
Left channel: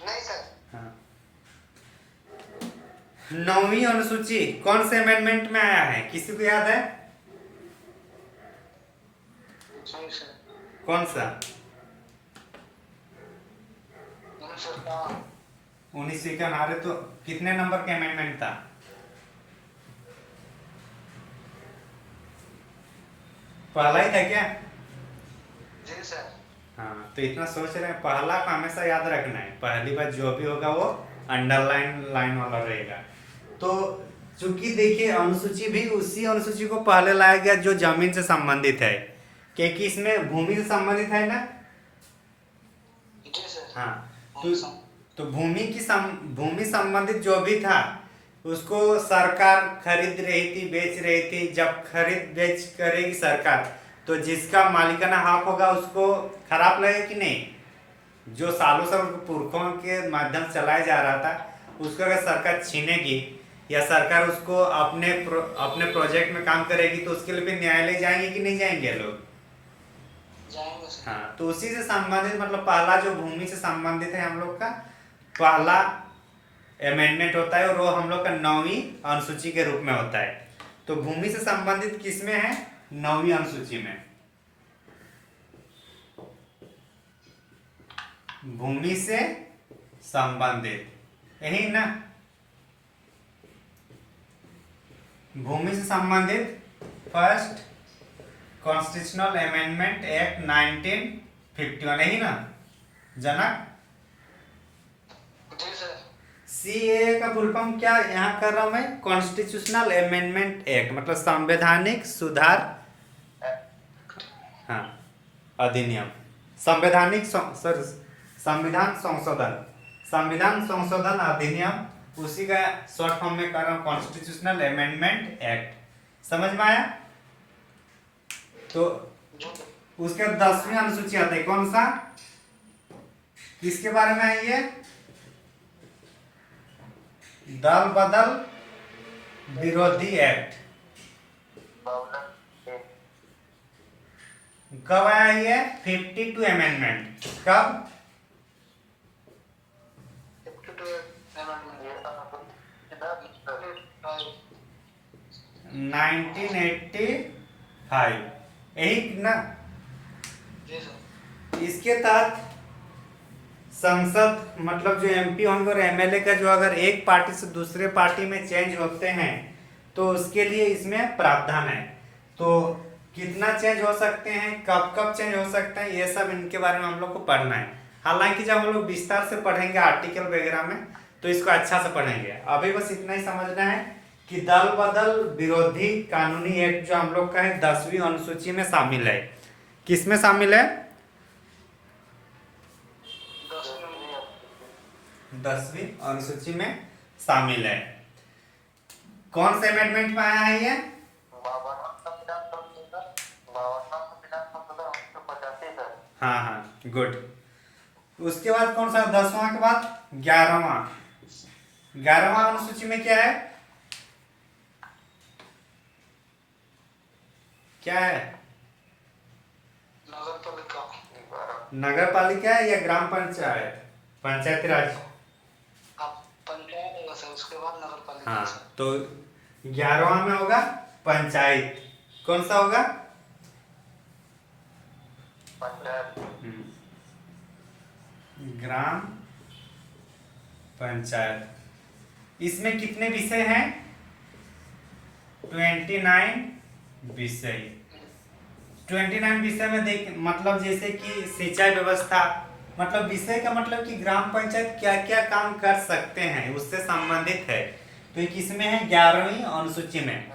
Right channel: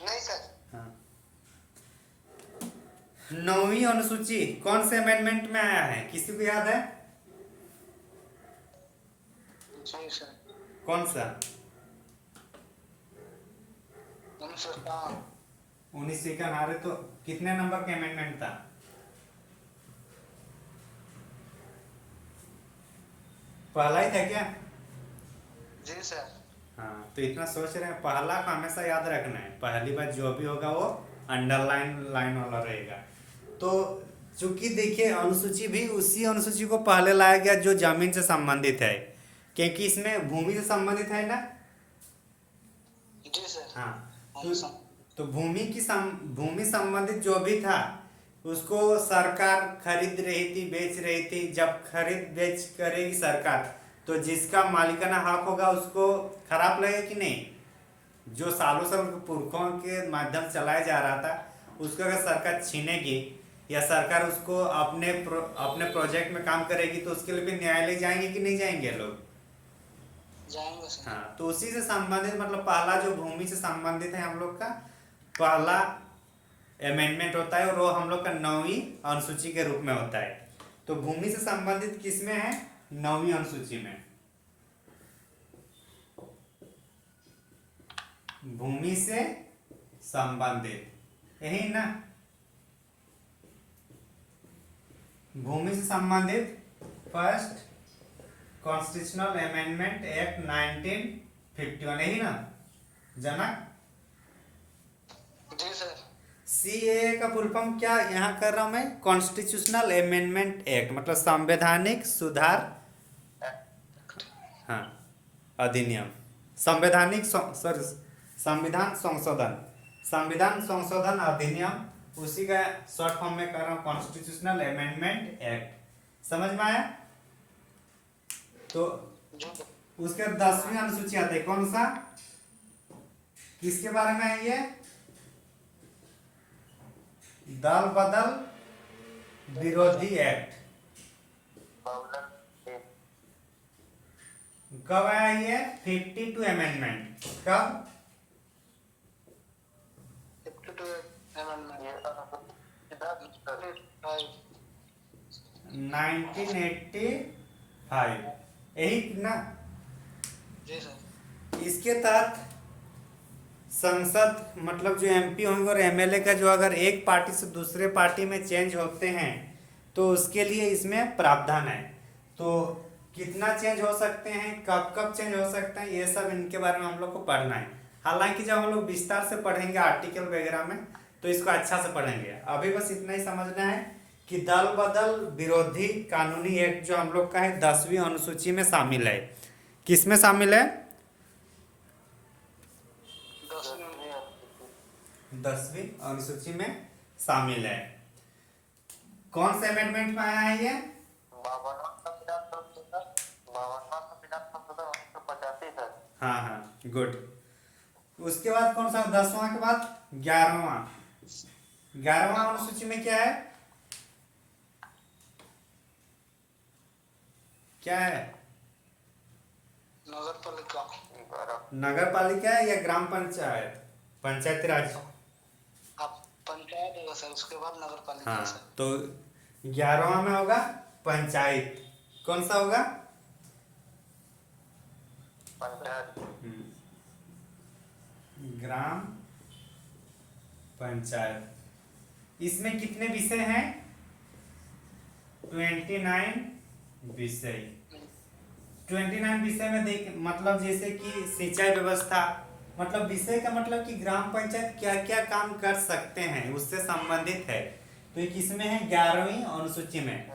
नहीं सर। हाँ। 9वीं अनुसूची कौन से अमेंडमेंट में आया है? किसी को याद है? कौन सा? 1951। अरे तो कितने नंबर का अमेंडमेंट था? पहला ही था क्या? जी सर। हाँ, तो इतना सोच रहे हैं, पहला का हमेशा याद रखना है, पहली बार जो भी होगा वो अंडरलाइन लाइन वाला रहेगा। तो चूंकि देखिए अनुसूची भी उसी अनुसूची को पहले लाया गया जो जमीन से संबंधित है, क्योंकि इसमें भूमि से संबंधित है ना। जी सर। हाँ, तो भूमि की भूमि संबंधित जो भी था उसको सरकार खरीद रही थी, बेच रही थी। जब खरीद बेच करेगी सरकार, तो जिसका मालिकाना हक होगा उसको खराब लगेगा कि नहीं। जो सालों साल पुरखों के माध्यम से चलाया जा रहा था उसको अगर सरकार छीनेगी या सरकार उसको अपने प्रोजेक्ट में काम करेगी, तो उसके लिए फिर न्यायालय जाएंगे कि नहीं जाएंगे लोग। जाएंगे सर। हाँ, तो उसी से संबंधित मतलब पहला जो भूमि से संबंधित है हम लोग का पहला अमेंडमेंट होता है, और वो हम लोग का 9वीं अनुसूची के रूप में होता है। तो भूमि से संबंधित किसमें है? 9वीं अनुसूची में। भूमि से संबंधित यही ना, भूमि से संबंधित फर्स्ट कॉन्स्टिट्यूशनल अमेंडमेंट एक्ट 1951 यही ना जनक। जी सर। सीए का फुल फॉर्म क्या यहाँ कर रहा हूँ मैं? कॉन्स्टिट्यूशनल अमेंडमेंट एक्ट, मतलब संवैधानिक सुधार, हाँ, अधिनियम, संवैधानिक सर संविधान संशोधन, संविधान संशोधन अधिनियम, उसी का शॉर्ट फॉर्म में कर रहा हूँ कॉन्स्टिट्यूशनल अमेंडमेंट एक्ट। समझ में आया? तो उसके 10वीं अनुसूची आता है, कौन सा, किसके बारे में है ये? दल बदल विरोधी एक्ट। कब आया ये? 52 अमेंडमेंट कब? 1985 यही ना। जी सर। इसके तहत संसद मतलब जो एमपी होंगे और एमएलए का जो अगर एक पार्टी से दूसरे पार्टी में चेंज होते हैं तो उसके लिए इसमें प्रावधान है। तो कितना चेंज हो सकते हैं, कब कब चेंज हो सकते हैं, ये सब इनके बारे में हम लोग को पढ़ना है। हालांकि जब हम लोग विस्तार से पढ़ेंगे आर्टिकल वगैरह में तो इसको अच्छा से पढ़ेंगे। अभी बस इतना ही समझना है कि दल बदल विरोधी कानूनी एक्ट जो हम लोग का है 10वीं अनुसूची में शामिल है। किस में शामिल है? 10वीं अनुसूची में शामिल है। कौन से अमेंडमेंट में आया है ये? हाँ हाँ, गुड। उसके बाद कौन सा? 10वां के बाद 11वां। 11वां अनुसूची में क्या है? क्या है? नगर पालिका है या ग्राम पंचायत, पंचायती राज? पंचायत होगा सर, उसके बाद नगर पालिका। हाँ, तो 11वां में होगा पंचायत। कौन सा होगा? ग्राम पंचायत। इसमें कितने विषय हैं? 29 विषय। 29 विषय में देख मतलब जैसे कि सिंचाई व्यवस्था, मतलब विषय का मतलब कि ग्राम पंचायत क्या क्या काम कर सकते हैं उससे संबंधित है। तो किसमें है? 11वीं अनुसूची में।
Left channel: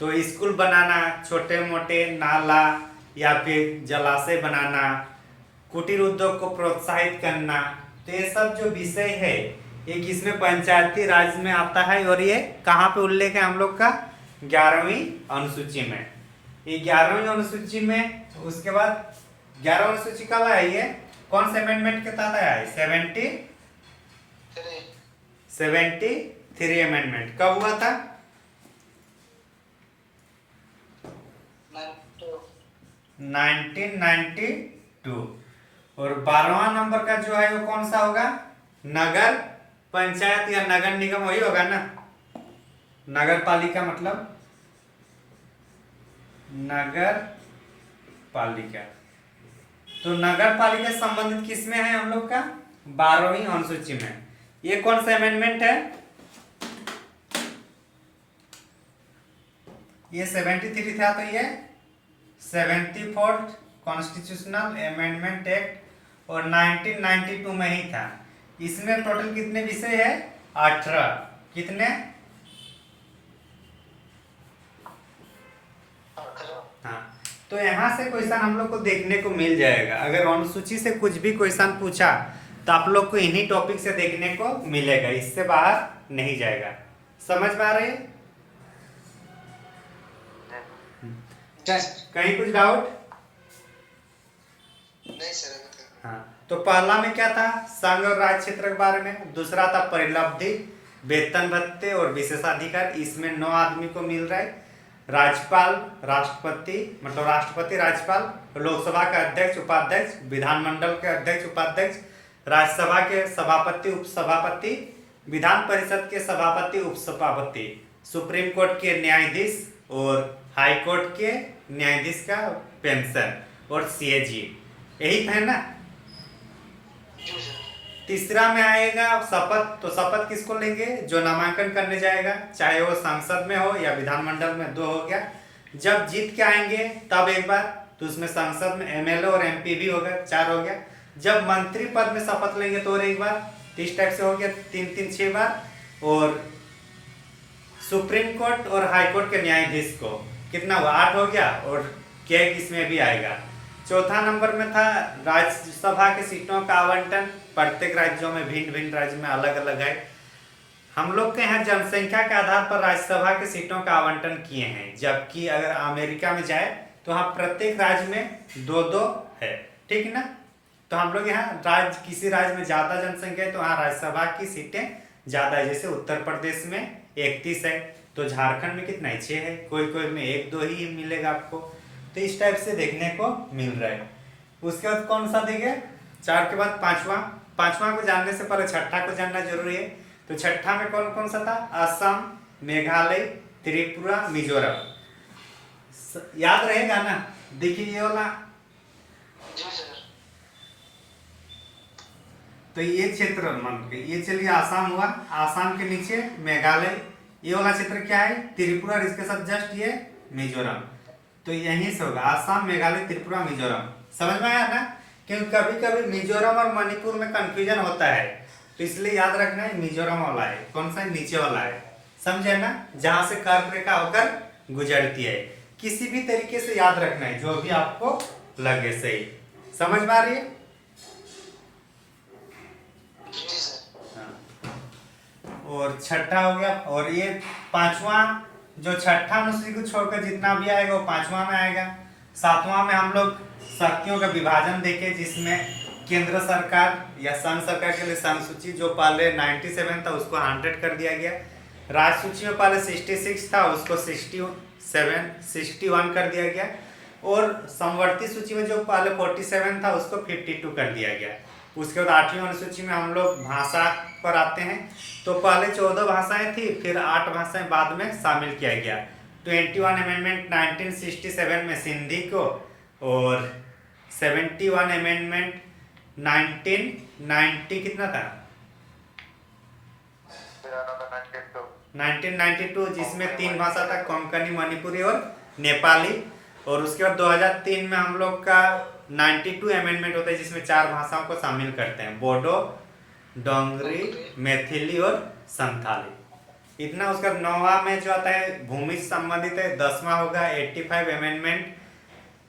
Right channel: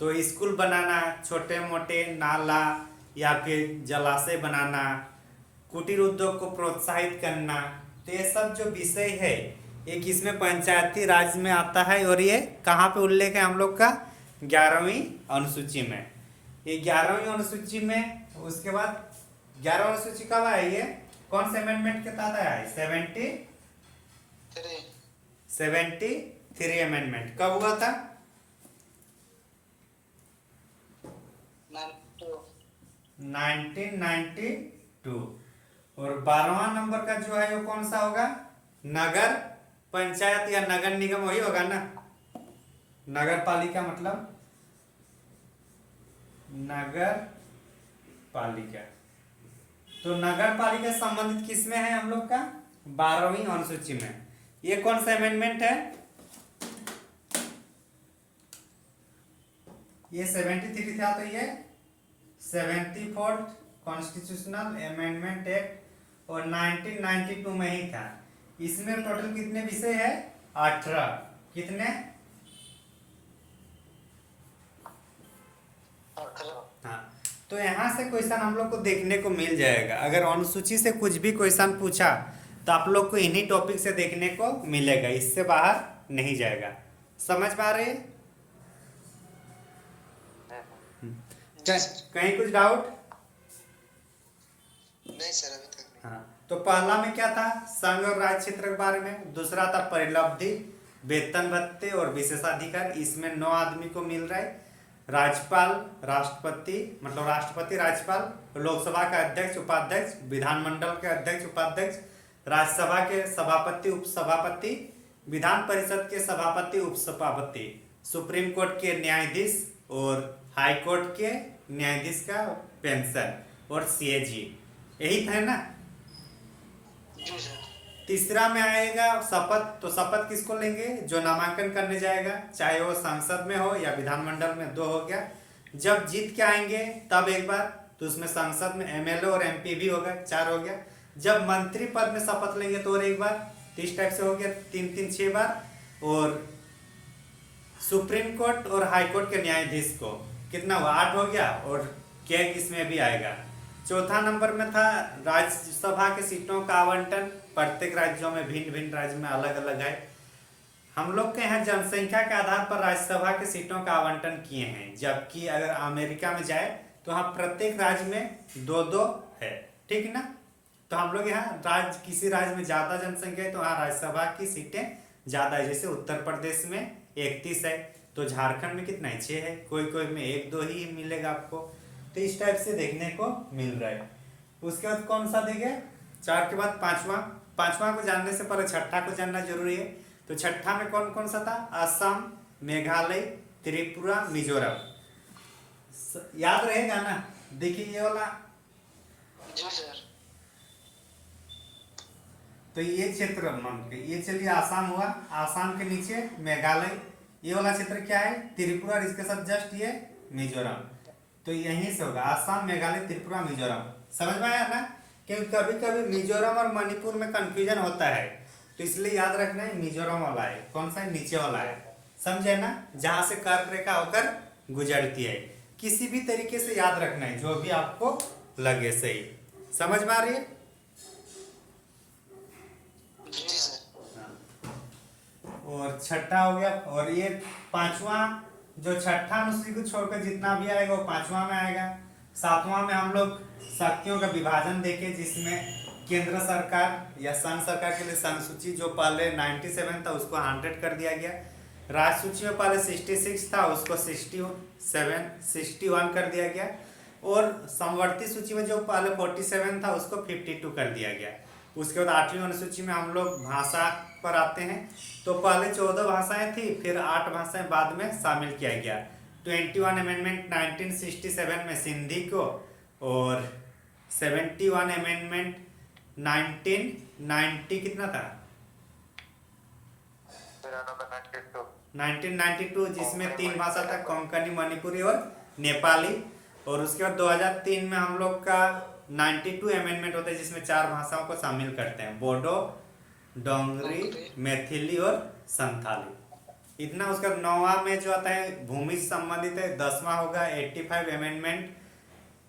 तो स्कूल बनाना, छोटे मोटे नाला या फिर जलाशय बनाना, कुटीर उद्योग को प्रोत्साहित करना, तो ये सब जो विषय है ये किसमें? पंचायती राज में आता है। और ये कहाँ पे उल्लेख है हम लोग का? 11वीं अनुसूची में। ये 11वीं अनुसूची में। उसके बाद 11वीं अनुसूची कब आई है? कौन से अमेंडमेंट के तहत आया है? 73 अमेंडमेंट कब हुआ था? 1992। और 12वां नंबर का जो है वो कौन सा होगा? नगर पंचायत या नगर निगम, वही होगा ना। नगर पालिका मतलब नगर पालिका। तो नगर पालिका संबंधित किसमें है हम लोग का? 12वीं अनुसूची में। ये कौन सा अमेंडमेंट है? ये 73 था, तो ये 74 कॉन्स्टिट्यूशनल अमेंडमेंट एक्ट और 1992 में ही था। इसमें टोटल कितने विषय है? 18। कितने? हाँ, तो यहाँ से क्वेश्चन हम लोग को देखने को मिल जाएगा। अगर अनुसूची से कुछ भी क्वेश्चन पूछा तो आप लोग को इन्हीं टॉपिक से देखने को मिलेगा, इससे बाहर नहीं जाएगा। समझ में आ रही है? कहीं कुछ डाउट? नहीं सर अभी तक। हाँ, तो पहला में क्या था? संघ और राज्य क्षेत्र के बारे में। दूसरा था परिलब्धि, वेतन भत्ते और विशेषाधिकार। इसमें 9 आदमी को मिल रहा है। राज्यपाल, राष्ट्रपति, मतलब राष्ट्रपति, राज्यपाल, लोकसभा के अध्यक्ष, उपाध्यक्ष, विधानमंडल के अध्यक्ष, उपाध्यक्ष, राज्यसभा के सभापति, उपसभापति, विधान परिषद के सभापति, उपसभापति, सुप्रीम कोर्ट के न्यायाधीश और हाई कोर्ट के न्यायाधीश का पेंशन और सीएजी। यही है ना? तीसरा में आएगा शपथ। तो शपथ किसको लेंगे? जो नामांकन करने जाएगा, चाहे वो संसद में हो या विधानमंडल में। 2 हो गया। जब जीत के आएंगे तब एक बार, तो उसमें संसद में एमएलए और एमपी भी होगा। 4 हो गया। जब मंत्री पद में शपथ लेंगे तो और एक बार। 30 टाइप से हो गया। 3 6 बार। और सुप्रीम कोर्ट और हाई कोर्ट के न्यायाधीश को कितना हुआ? 8 हो गया। और कैग इसमें भी आएगा। चौथा नंबर में था राज्यसभा के सीटों का आवंटन। प्रत्येक राज्यों में, भिन्न भिन्न राज्य में अलग अलग है। हम लोग के यहाँ जनसंख्या के आधार पर राज्यसभा के सीटों का आवंटन किए हैं, जबकि अगर अमेरिका में जाए तो वहाँ प्रत्येक राज्य में 2-2 है। ठीक है ना? तो हम लोग यहाँ किसी राज्य में ज़्यादा जनसंख्या है तो वहाँ राज्यसभा की सीटें ज़्यादा है। जैसे उत्तर प्रदेश में 31 है, तो झारखंड में कितना है? 6 है। कोई कोई में 1-2 ही मिलेगा आपको। तो इस टाइप से देखने को मिल रहा है। उसके बाद कौन सा देंगे? 4 के बाद पांचवा को जानने से पहले छठा को जानना जरूरी है। तो छठा में कौन कौन सा था? असम, मेघालय, त्रिपुरा, मिजोरम। याद रहेगा ना? देखिए ये वाला। तो ये क्षेत्र मान लीजिए, ये चलिए आसाम हुआ। आसाम के नीचे मेघालय। ये वाला क्षेत्र क्या है? त्रिपुरा। और इसके साथ जस्ट ये मिजोरम। तो यहीं से होगा आसाम, मेघालय, त्रिपुरा, मिजोरम। समझ में आया ना? क्योंकि कभी कभी मिजोरम और मणिपुर में कंफ्यूजन होता है, तो इसलिए याद रखना है मिजोरम वाला है। कौन सा है? नीचे वाला है। समझे ना? जहां से कर्क रेखा होकर गुजरती है। किसी भी तरीके से याद रखना है, जो भी आपको लगे सही। समझ में आ रही है? और छठा हो गया। और ये पांचवा, जो छठा अनुसूची को छोड़कर जितना भी आएगा वो पांचवा में आएगा। सातवां में हम लोग शक्तियों का विभाजन देखे, जिसमें केंद्र सरकार या संघ सरकार के लिए संघ सूची जो पहले 97 था उसको 100 कर दिया गया। राज्य सूची में पहले 66 था, उसको 61 कर दिया गया। और समवर्ती सूची में जो पहले 47 था उसको 52 कर दिया गया। उसके बाद 8वीं अनुसूची में हम लोग भाषा पर आते हैं। तो पहले 14 भाषाएं थी, फिर 8 भाषाएं बाद में शामिल किया गया। 21 अमेंडमेंट 1967 में सिंधी को, और 71 अमेंडमेंट 1990 कितना था? 1992, जिसमें 3 भाषा था, कोंकणी, मणिपुरी और नेपाली। और उसके बाद 2003 में हम लोग का 92 अमेंडमेंट होता है, जिसमें 4 भाषाओं को शामिल करते हैं, बोडो, डोंगरी, मैथिली और संथाली। इतना। उसका 9वां में जो आता है भूमि से संबंधित है। 10वां होगा 85 अमेंडमेंट,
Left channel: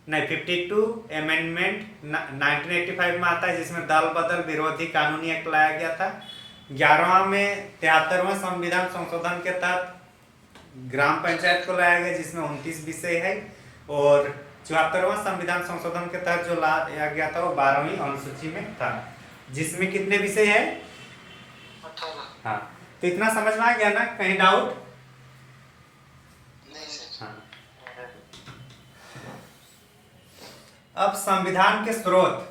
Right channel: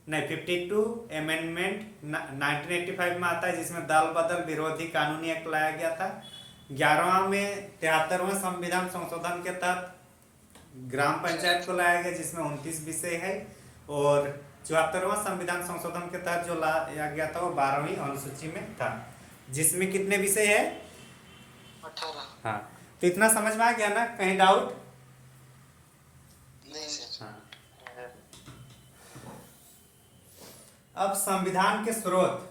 नहीं 52 अमेंडमेंट 1985 में आता है, जिसमें दल बदल विरोधी कानूनी एक्ट लाया गया था। 11वां में 73वां संविधान संशोधन के तहत ग्राम पंचायत को लाया गया, जिसमें 29 विषय है। और 74वां संविधान संशोधन के तहत जो लाया गया था वो 12वीं अनुसूची में था, जिसमें कितने विषय है? 18। हाँ, तो इतना समझ में आ गया ना? कहीं डाउट? हाँ। अब संविधान के स्रोत।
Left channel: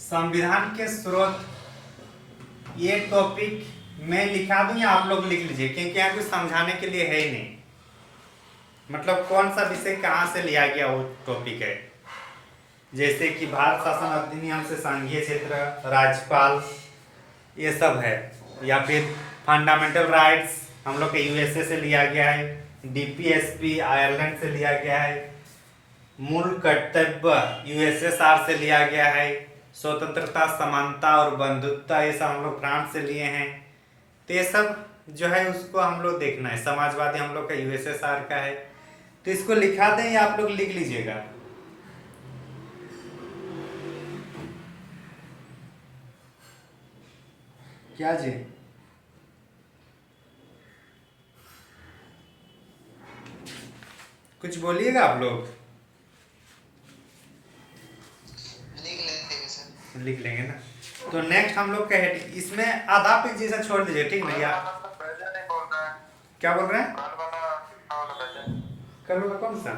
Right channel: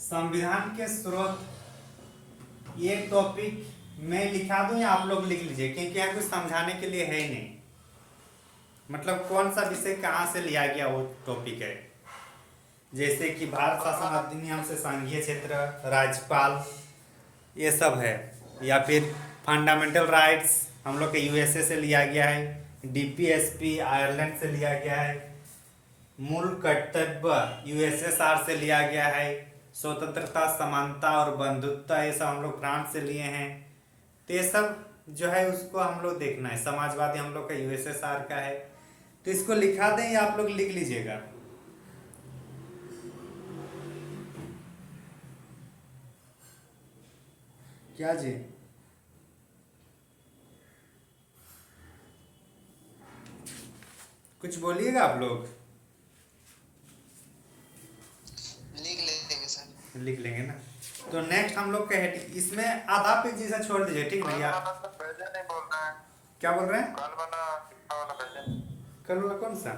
संविधान के स्रोत ये टॉपिक मैं लिखा दूं या आप लोग लिख लीजिए, क्योंकि यहाँ कुछ समझाने के लिए है ही नहीं। मतलब कौन सा विषय कहाँ से लिया गया वो टॉपिक है। जैसे कि भारत शासन अधिनियम से संघीय क्षेत्र, राज्यपाल, ये सब है। या फिर फंडामेंटल राइट्स हम लोग के यूएसए से लिया गया है। डीपीएसपी आयरलैंड से लिया गया है, मूल कर्तव्य यूएसएसआर से लिया गया है, स्वतंत्रता समानता और बंधुत्व ये सब हम लोग फ्रांस से लिए हैं। तो ये सब जो है उसको हम लोग देखना है। समाजवादी हम लोग का यूएसएसआर का है, तो इसको लिखा दें या आप लोग लिख लीजिएगा। क्या जी? कुछ बोलिएगा आप लोग। लिख लेते हैं सर। लिख लेंगे ना। तो नेक्स्ट हम लोग का है, इसमें आधा पेज जैसा छोड़ दीजिए, ठीक भैया। प्रेजेंट नहीं बोल रहा है। क्या बोल रहे हैं? कल वाला प्रेजेंट। कल वाला कौन सा?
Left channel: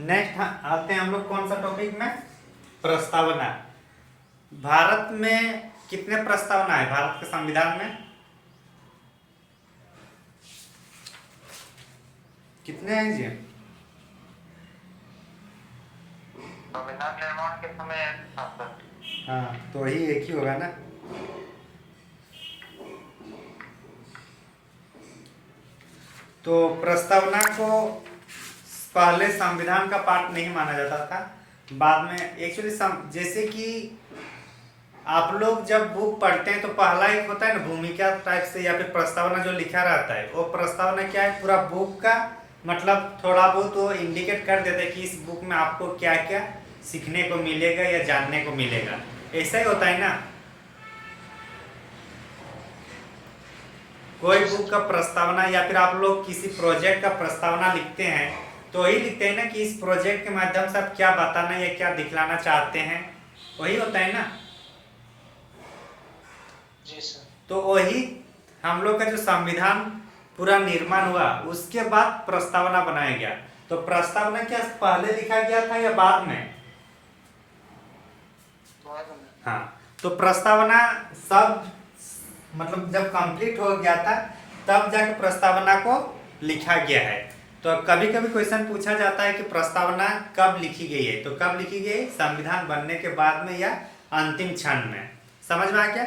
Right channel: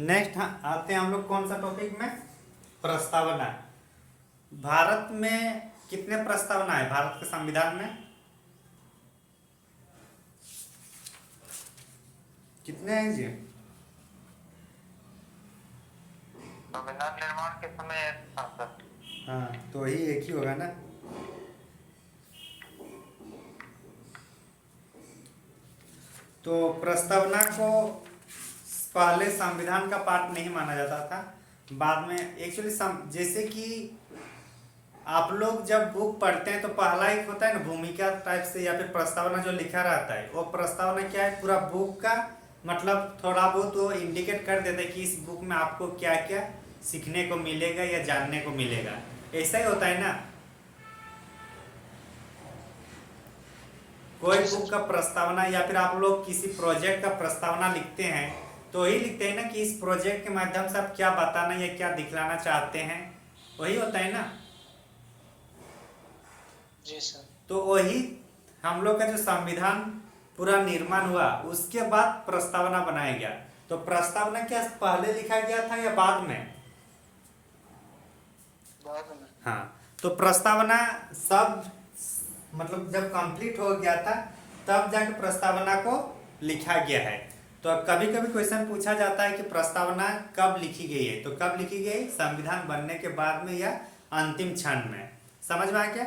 नेक्स्ट आते हैं हम लोग कौन सा टॉपिक में? प्रस्तावना। भारत में कितने प्रस्तावना है भारत के संविधान में? कितने हैं जी? संविधान निर्माण के समय हाँ, तो वही एक ही होगा ना। तो प्रस्तावना को पहले संविधान का पार्ट नहीं माना जाता था, बाद में एक्चुअली जैसे कि आप लोग जब बुक पढ़ते हैं तो पहला एक होता है ना भूमिका टाइप से या फिर प्रस्तावना जो लिखा रहता है, वो प्रस्तावना क्या है, पूरा बुक का मतलब थोड़ा बहुत वो इंडिकेट कर देता है कि इस बुक में आपको क्या क्या सीखने को मिलेगा या जानने को मिलेगा। ऐसा ही होता है ना। कोई बुक का प्रस्तावना या फिर आप लोग किसी प्रोजेक्ट का प्रस्तावना लिखते हैं तो वही लिखते हैं ना कि इस प्रोजेक्ट के माध्यम से आप क्या बताना या क्या दिखलाना चाहते हैं, वही होता है ना। जी सर। तो वही हम लोग का जो संविधान पूरा निर्माण हुआ उसके बाद प्रस्तावना बनाया गया। तो प्रस्तावना क्या पहले लिखा गया था या बाद में? हाँ, तो प्रस्तावना सब मतलब जब कंप्लीट हो गया था तब जाकर प्रस्तावना को लिखा गया है। तो कभी कभी क्वेश्चन पूछा जाता है कि प्रस्तावना कब लिखी गई है, तो कब लिखी गई? संविधान बनने के बाद में या अंतिम क्षण में। समझ में आ गया?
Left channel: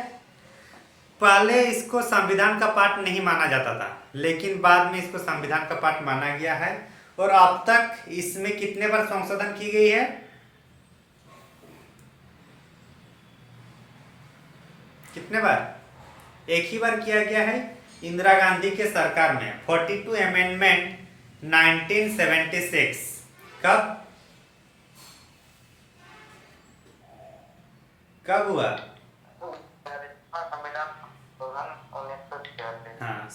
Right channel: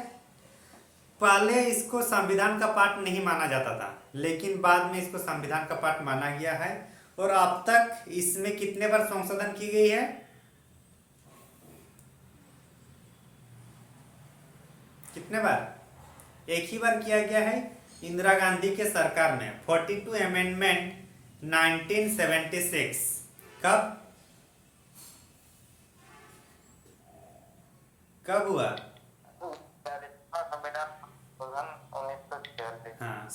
पहले इसको संविधान का पार्ट नहीं माना जाता था, लेकिन बाद में इसको संविधान का पार्ट माना गया है। और अब तक इसमें कितने बार संशोधन की गई है? कितने बार? एक ही बार किया गया है, इंदिरा गांधी के सरकार में 42 अमेंडमेंट 1976। कब कब हुआ? हाँ,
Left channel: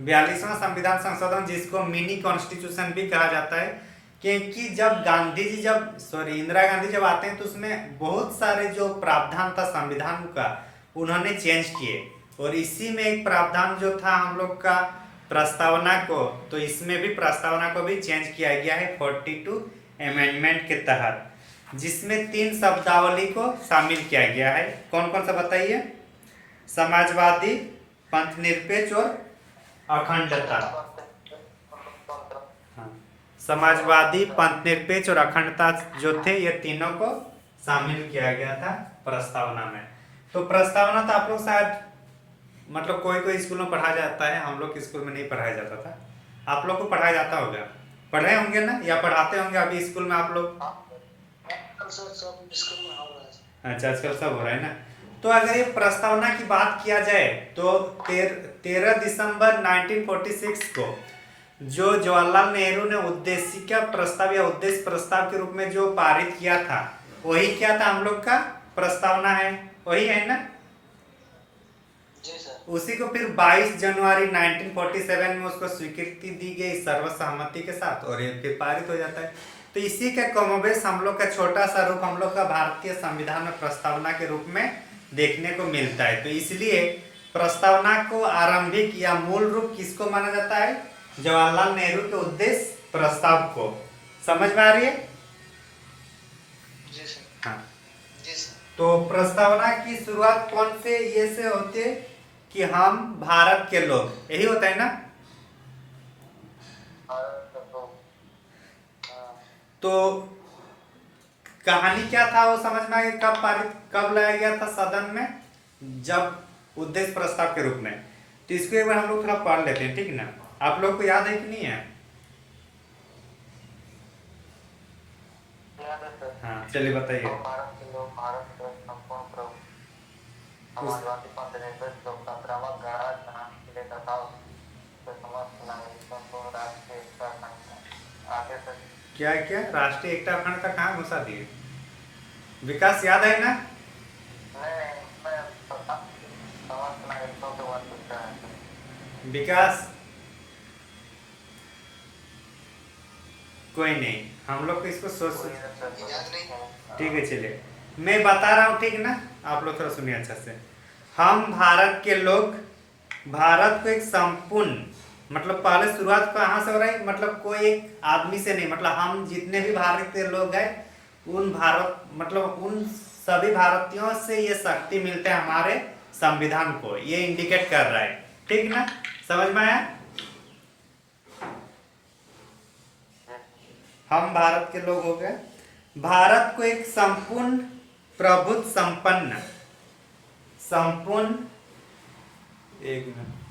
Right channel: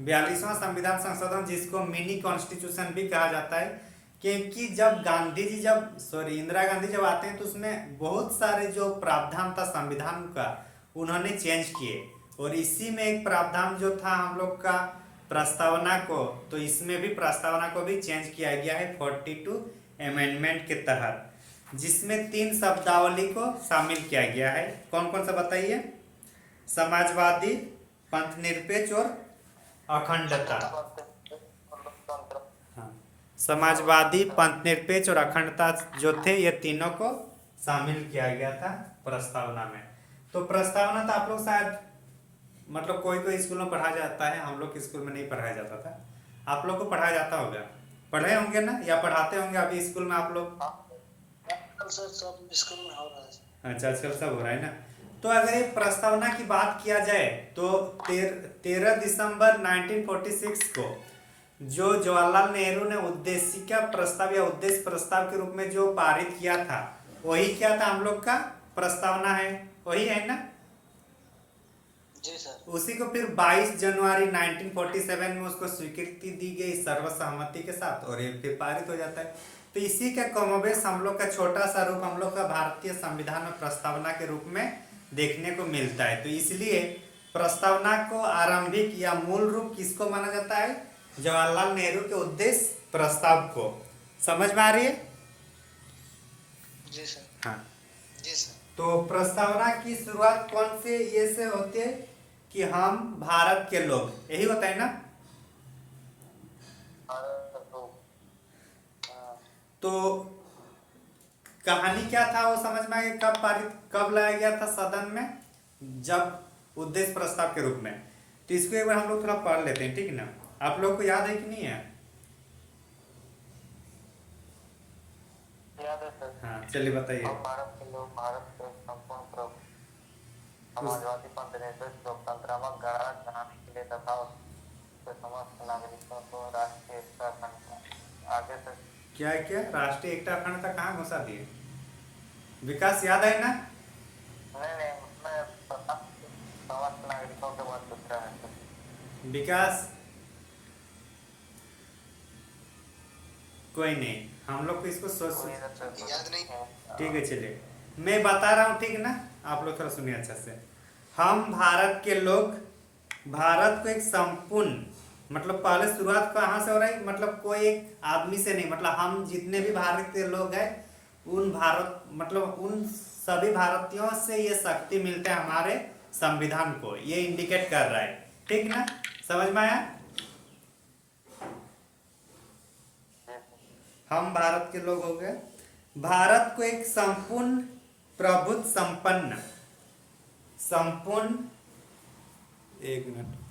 42वां संविधान संशोधन, जिसको मिनी कॉन्स्टिट्यूशन भी कहा जाता है, क्योंकि जब इंदिरा गांधी जब आते हैं तो उसमें बहुत सारे जो प्रावधान था संविधान का उन्होंने चेंज किए, और इसी में एक प्रावधान जो था हम लोग का प्रस्तावना को, तो इसमें भी प्रस्तावना को भी चेंज किया गया है 42 अमेंडमेंट के तहत, जिसमें 3 शब्दावली को शामिल किया गया है। कौन कौन सा बताइए? समाजवादी, पंथनिरपेक्ष और अखंडता। हाँ, समाजवादी, पंथनिरपेक्ष और अखंडता जो थे, ये तीनों को शामिल किया गया था प्रस्तावना में। तो प्रस्तावना तो आप लोग शायद मतलब कोई कोई स्कूल में पढ़ाया जाता है, हम लोग के स्कूल में नहीं पढ़ाया जाता था। आप लोग को पढ़ाया जाता होगा, पढ़े होंगे ना, या पढ़ाते होंगे अभी स्कूल में आप लोग? सब स्कूल में हो रहा है। अच्छा, आजकल सब हो रहा है ना। तो अगर ये प्रस्तावना की बात किया जाए तो 13 दिसंबर 1946 को जो जवाहरलाल नेहरू ने उद्देशिका प्रस्ताव या उद्देश्य प्रस्ताव के रूप में जो पारित किया था, वही क्या था हम लोग का प्रस्तावना है, वही है ना। जी सर। उसी को फिर 22 जनवरी 1947 में उसको स्वीकृति दी गई सर्वसम्मति के साथ, और ये फिर पारित हो जाता है। तो इसी का कमोबेश हम लोग का छोटा सा रूप हम लोग का भारतीय संविधान में प्रस्तावना के रूप में देखने को मिलता है। तो इसलिए प्रस्तावना को आरंभिक या मूल रूप किसको माना जाता है? जवाहरलाल नेहरू के उद्देश्य प्रस्ताव को। समझ में आ रही है? जी सर। हाँ। जी सर। तो प्रस्तावना की शुरुआत कौन से ये से होती है कि हम भारत के लोग, यही होता है ना। तो कहानी क्या था वो समझ में आ गया? कब लाया गया था सदन में? जब उद्देश्य प्रस्ताव के रूप में। तो इसको एक बार हम लोग थोड़ा पढ़ लेते हैं, ठीक ना। आप लोग को याद है कि नहीं है? याद है सर। हाँ चलिए बताइए। हम भारत के लोग भारत के संपूर्ण प्रभु समाजवादी पंथनिरपेक्ष लोकतंत्रात्मक गणराज्य बनाने के लिए तथा उसके समस्त नागरिकों को राष्ट्रीय एकता अखंडता आगे से क्या क्या राष्ट्रीय एकता अखंड का कहाँ घुसा दिए? विकास याद है ना? मैं समस्त नागरिकों से वंचित रहे सर। विकास कोई नहीं, हम लोग को इसको सोच याद नहीं। ठीक है चलिए मैं बता रहा हूँ, ठीक ना। आप लोग थोड़ा सुनिए अच्छा से। हम भारत के लोग भारत को एक संपूर्ण मतलब पहले शुरुआत कहाँ से हो रही, मतलब कोई एक आदमी से नहीं, मतलब हम जितने भी भारत के लोग हैं उन भारत मतलब उन सभी भारतीयों से ये शक्ति मिलते हैं हमारे संविधान को, ये इंडिकेट कर रहा है, ठीक ना। समझ में आया? हम भारत के लोग हो गए, भारत को एक संपूर्ण प्रभुत्व संपन्न संपूर्ण एक मिनट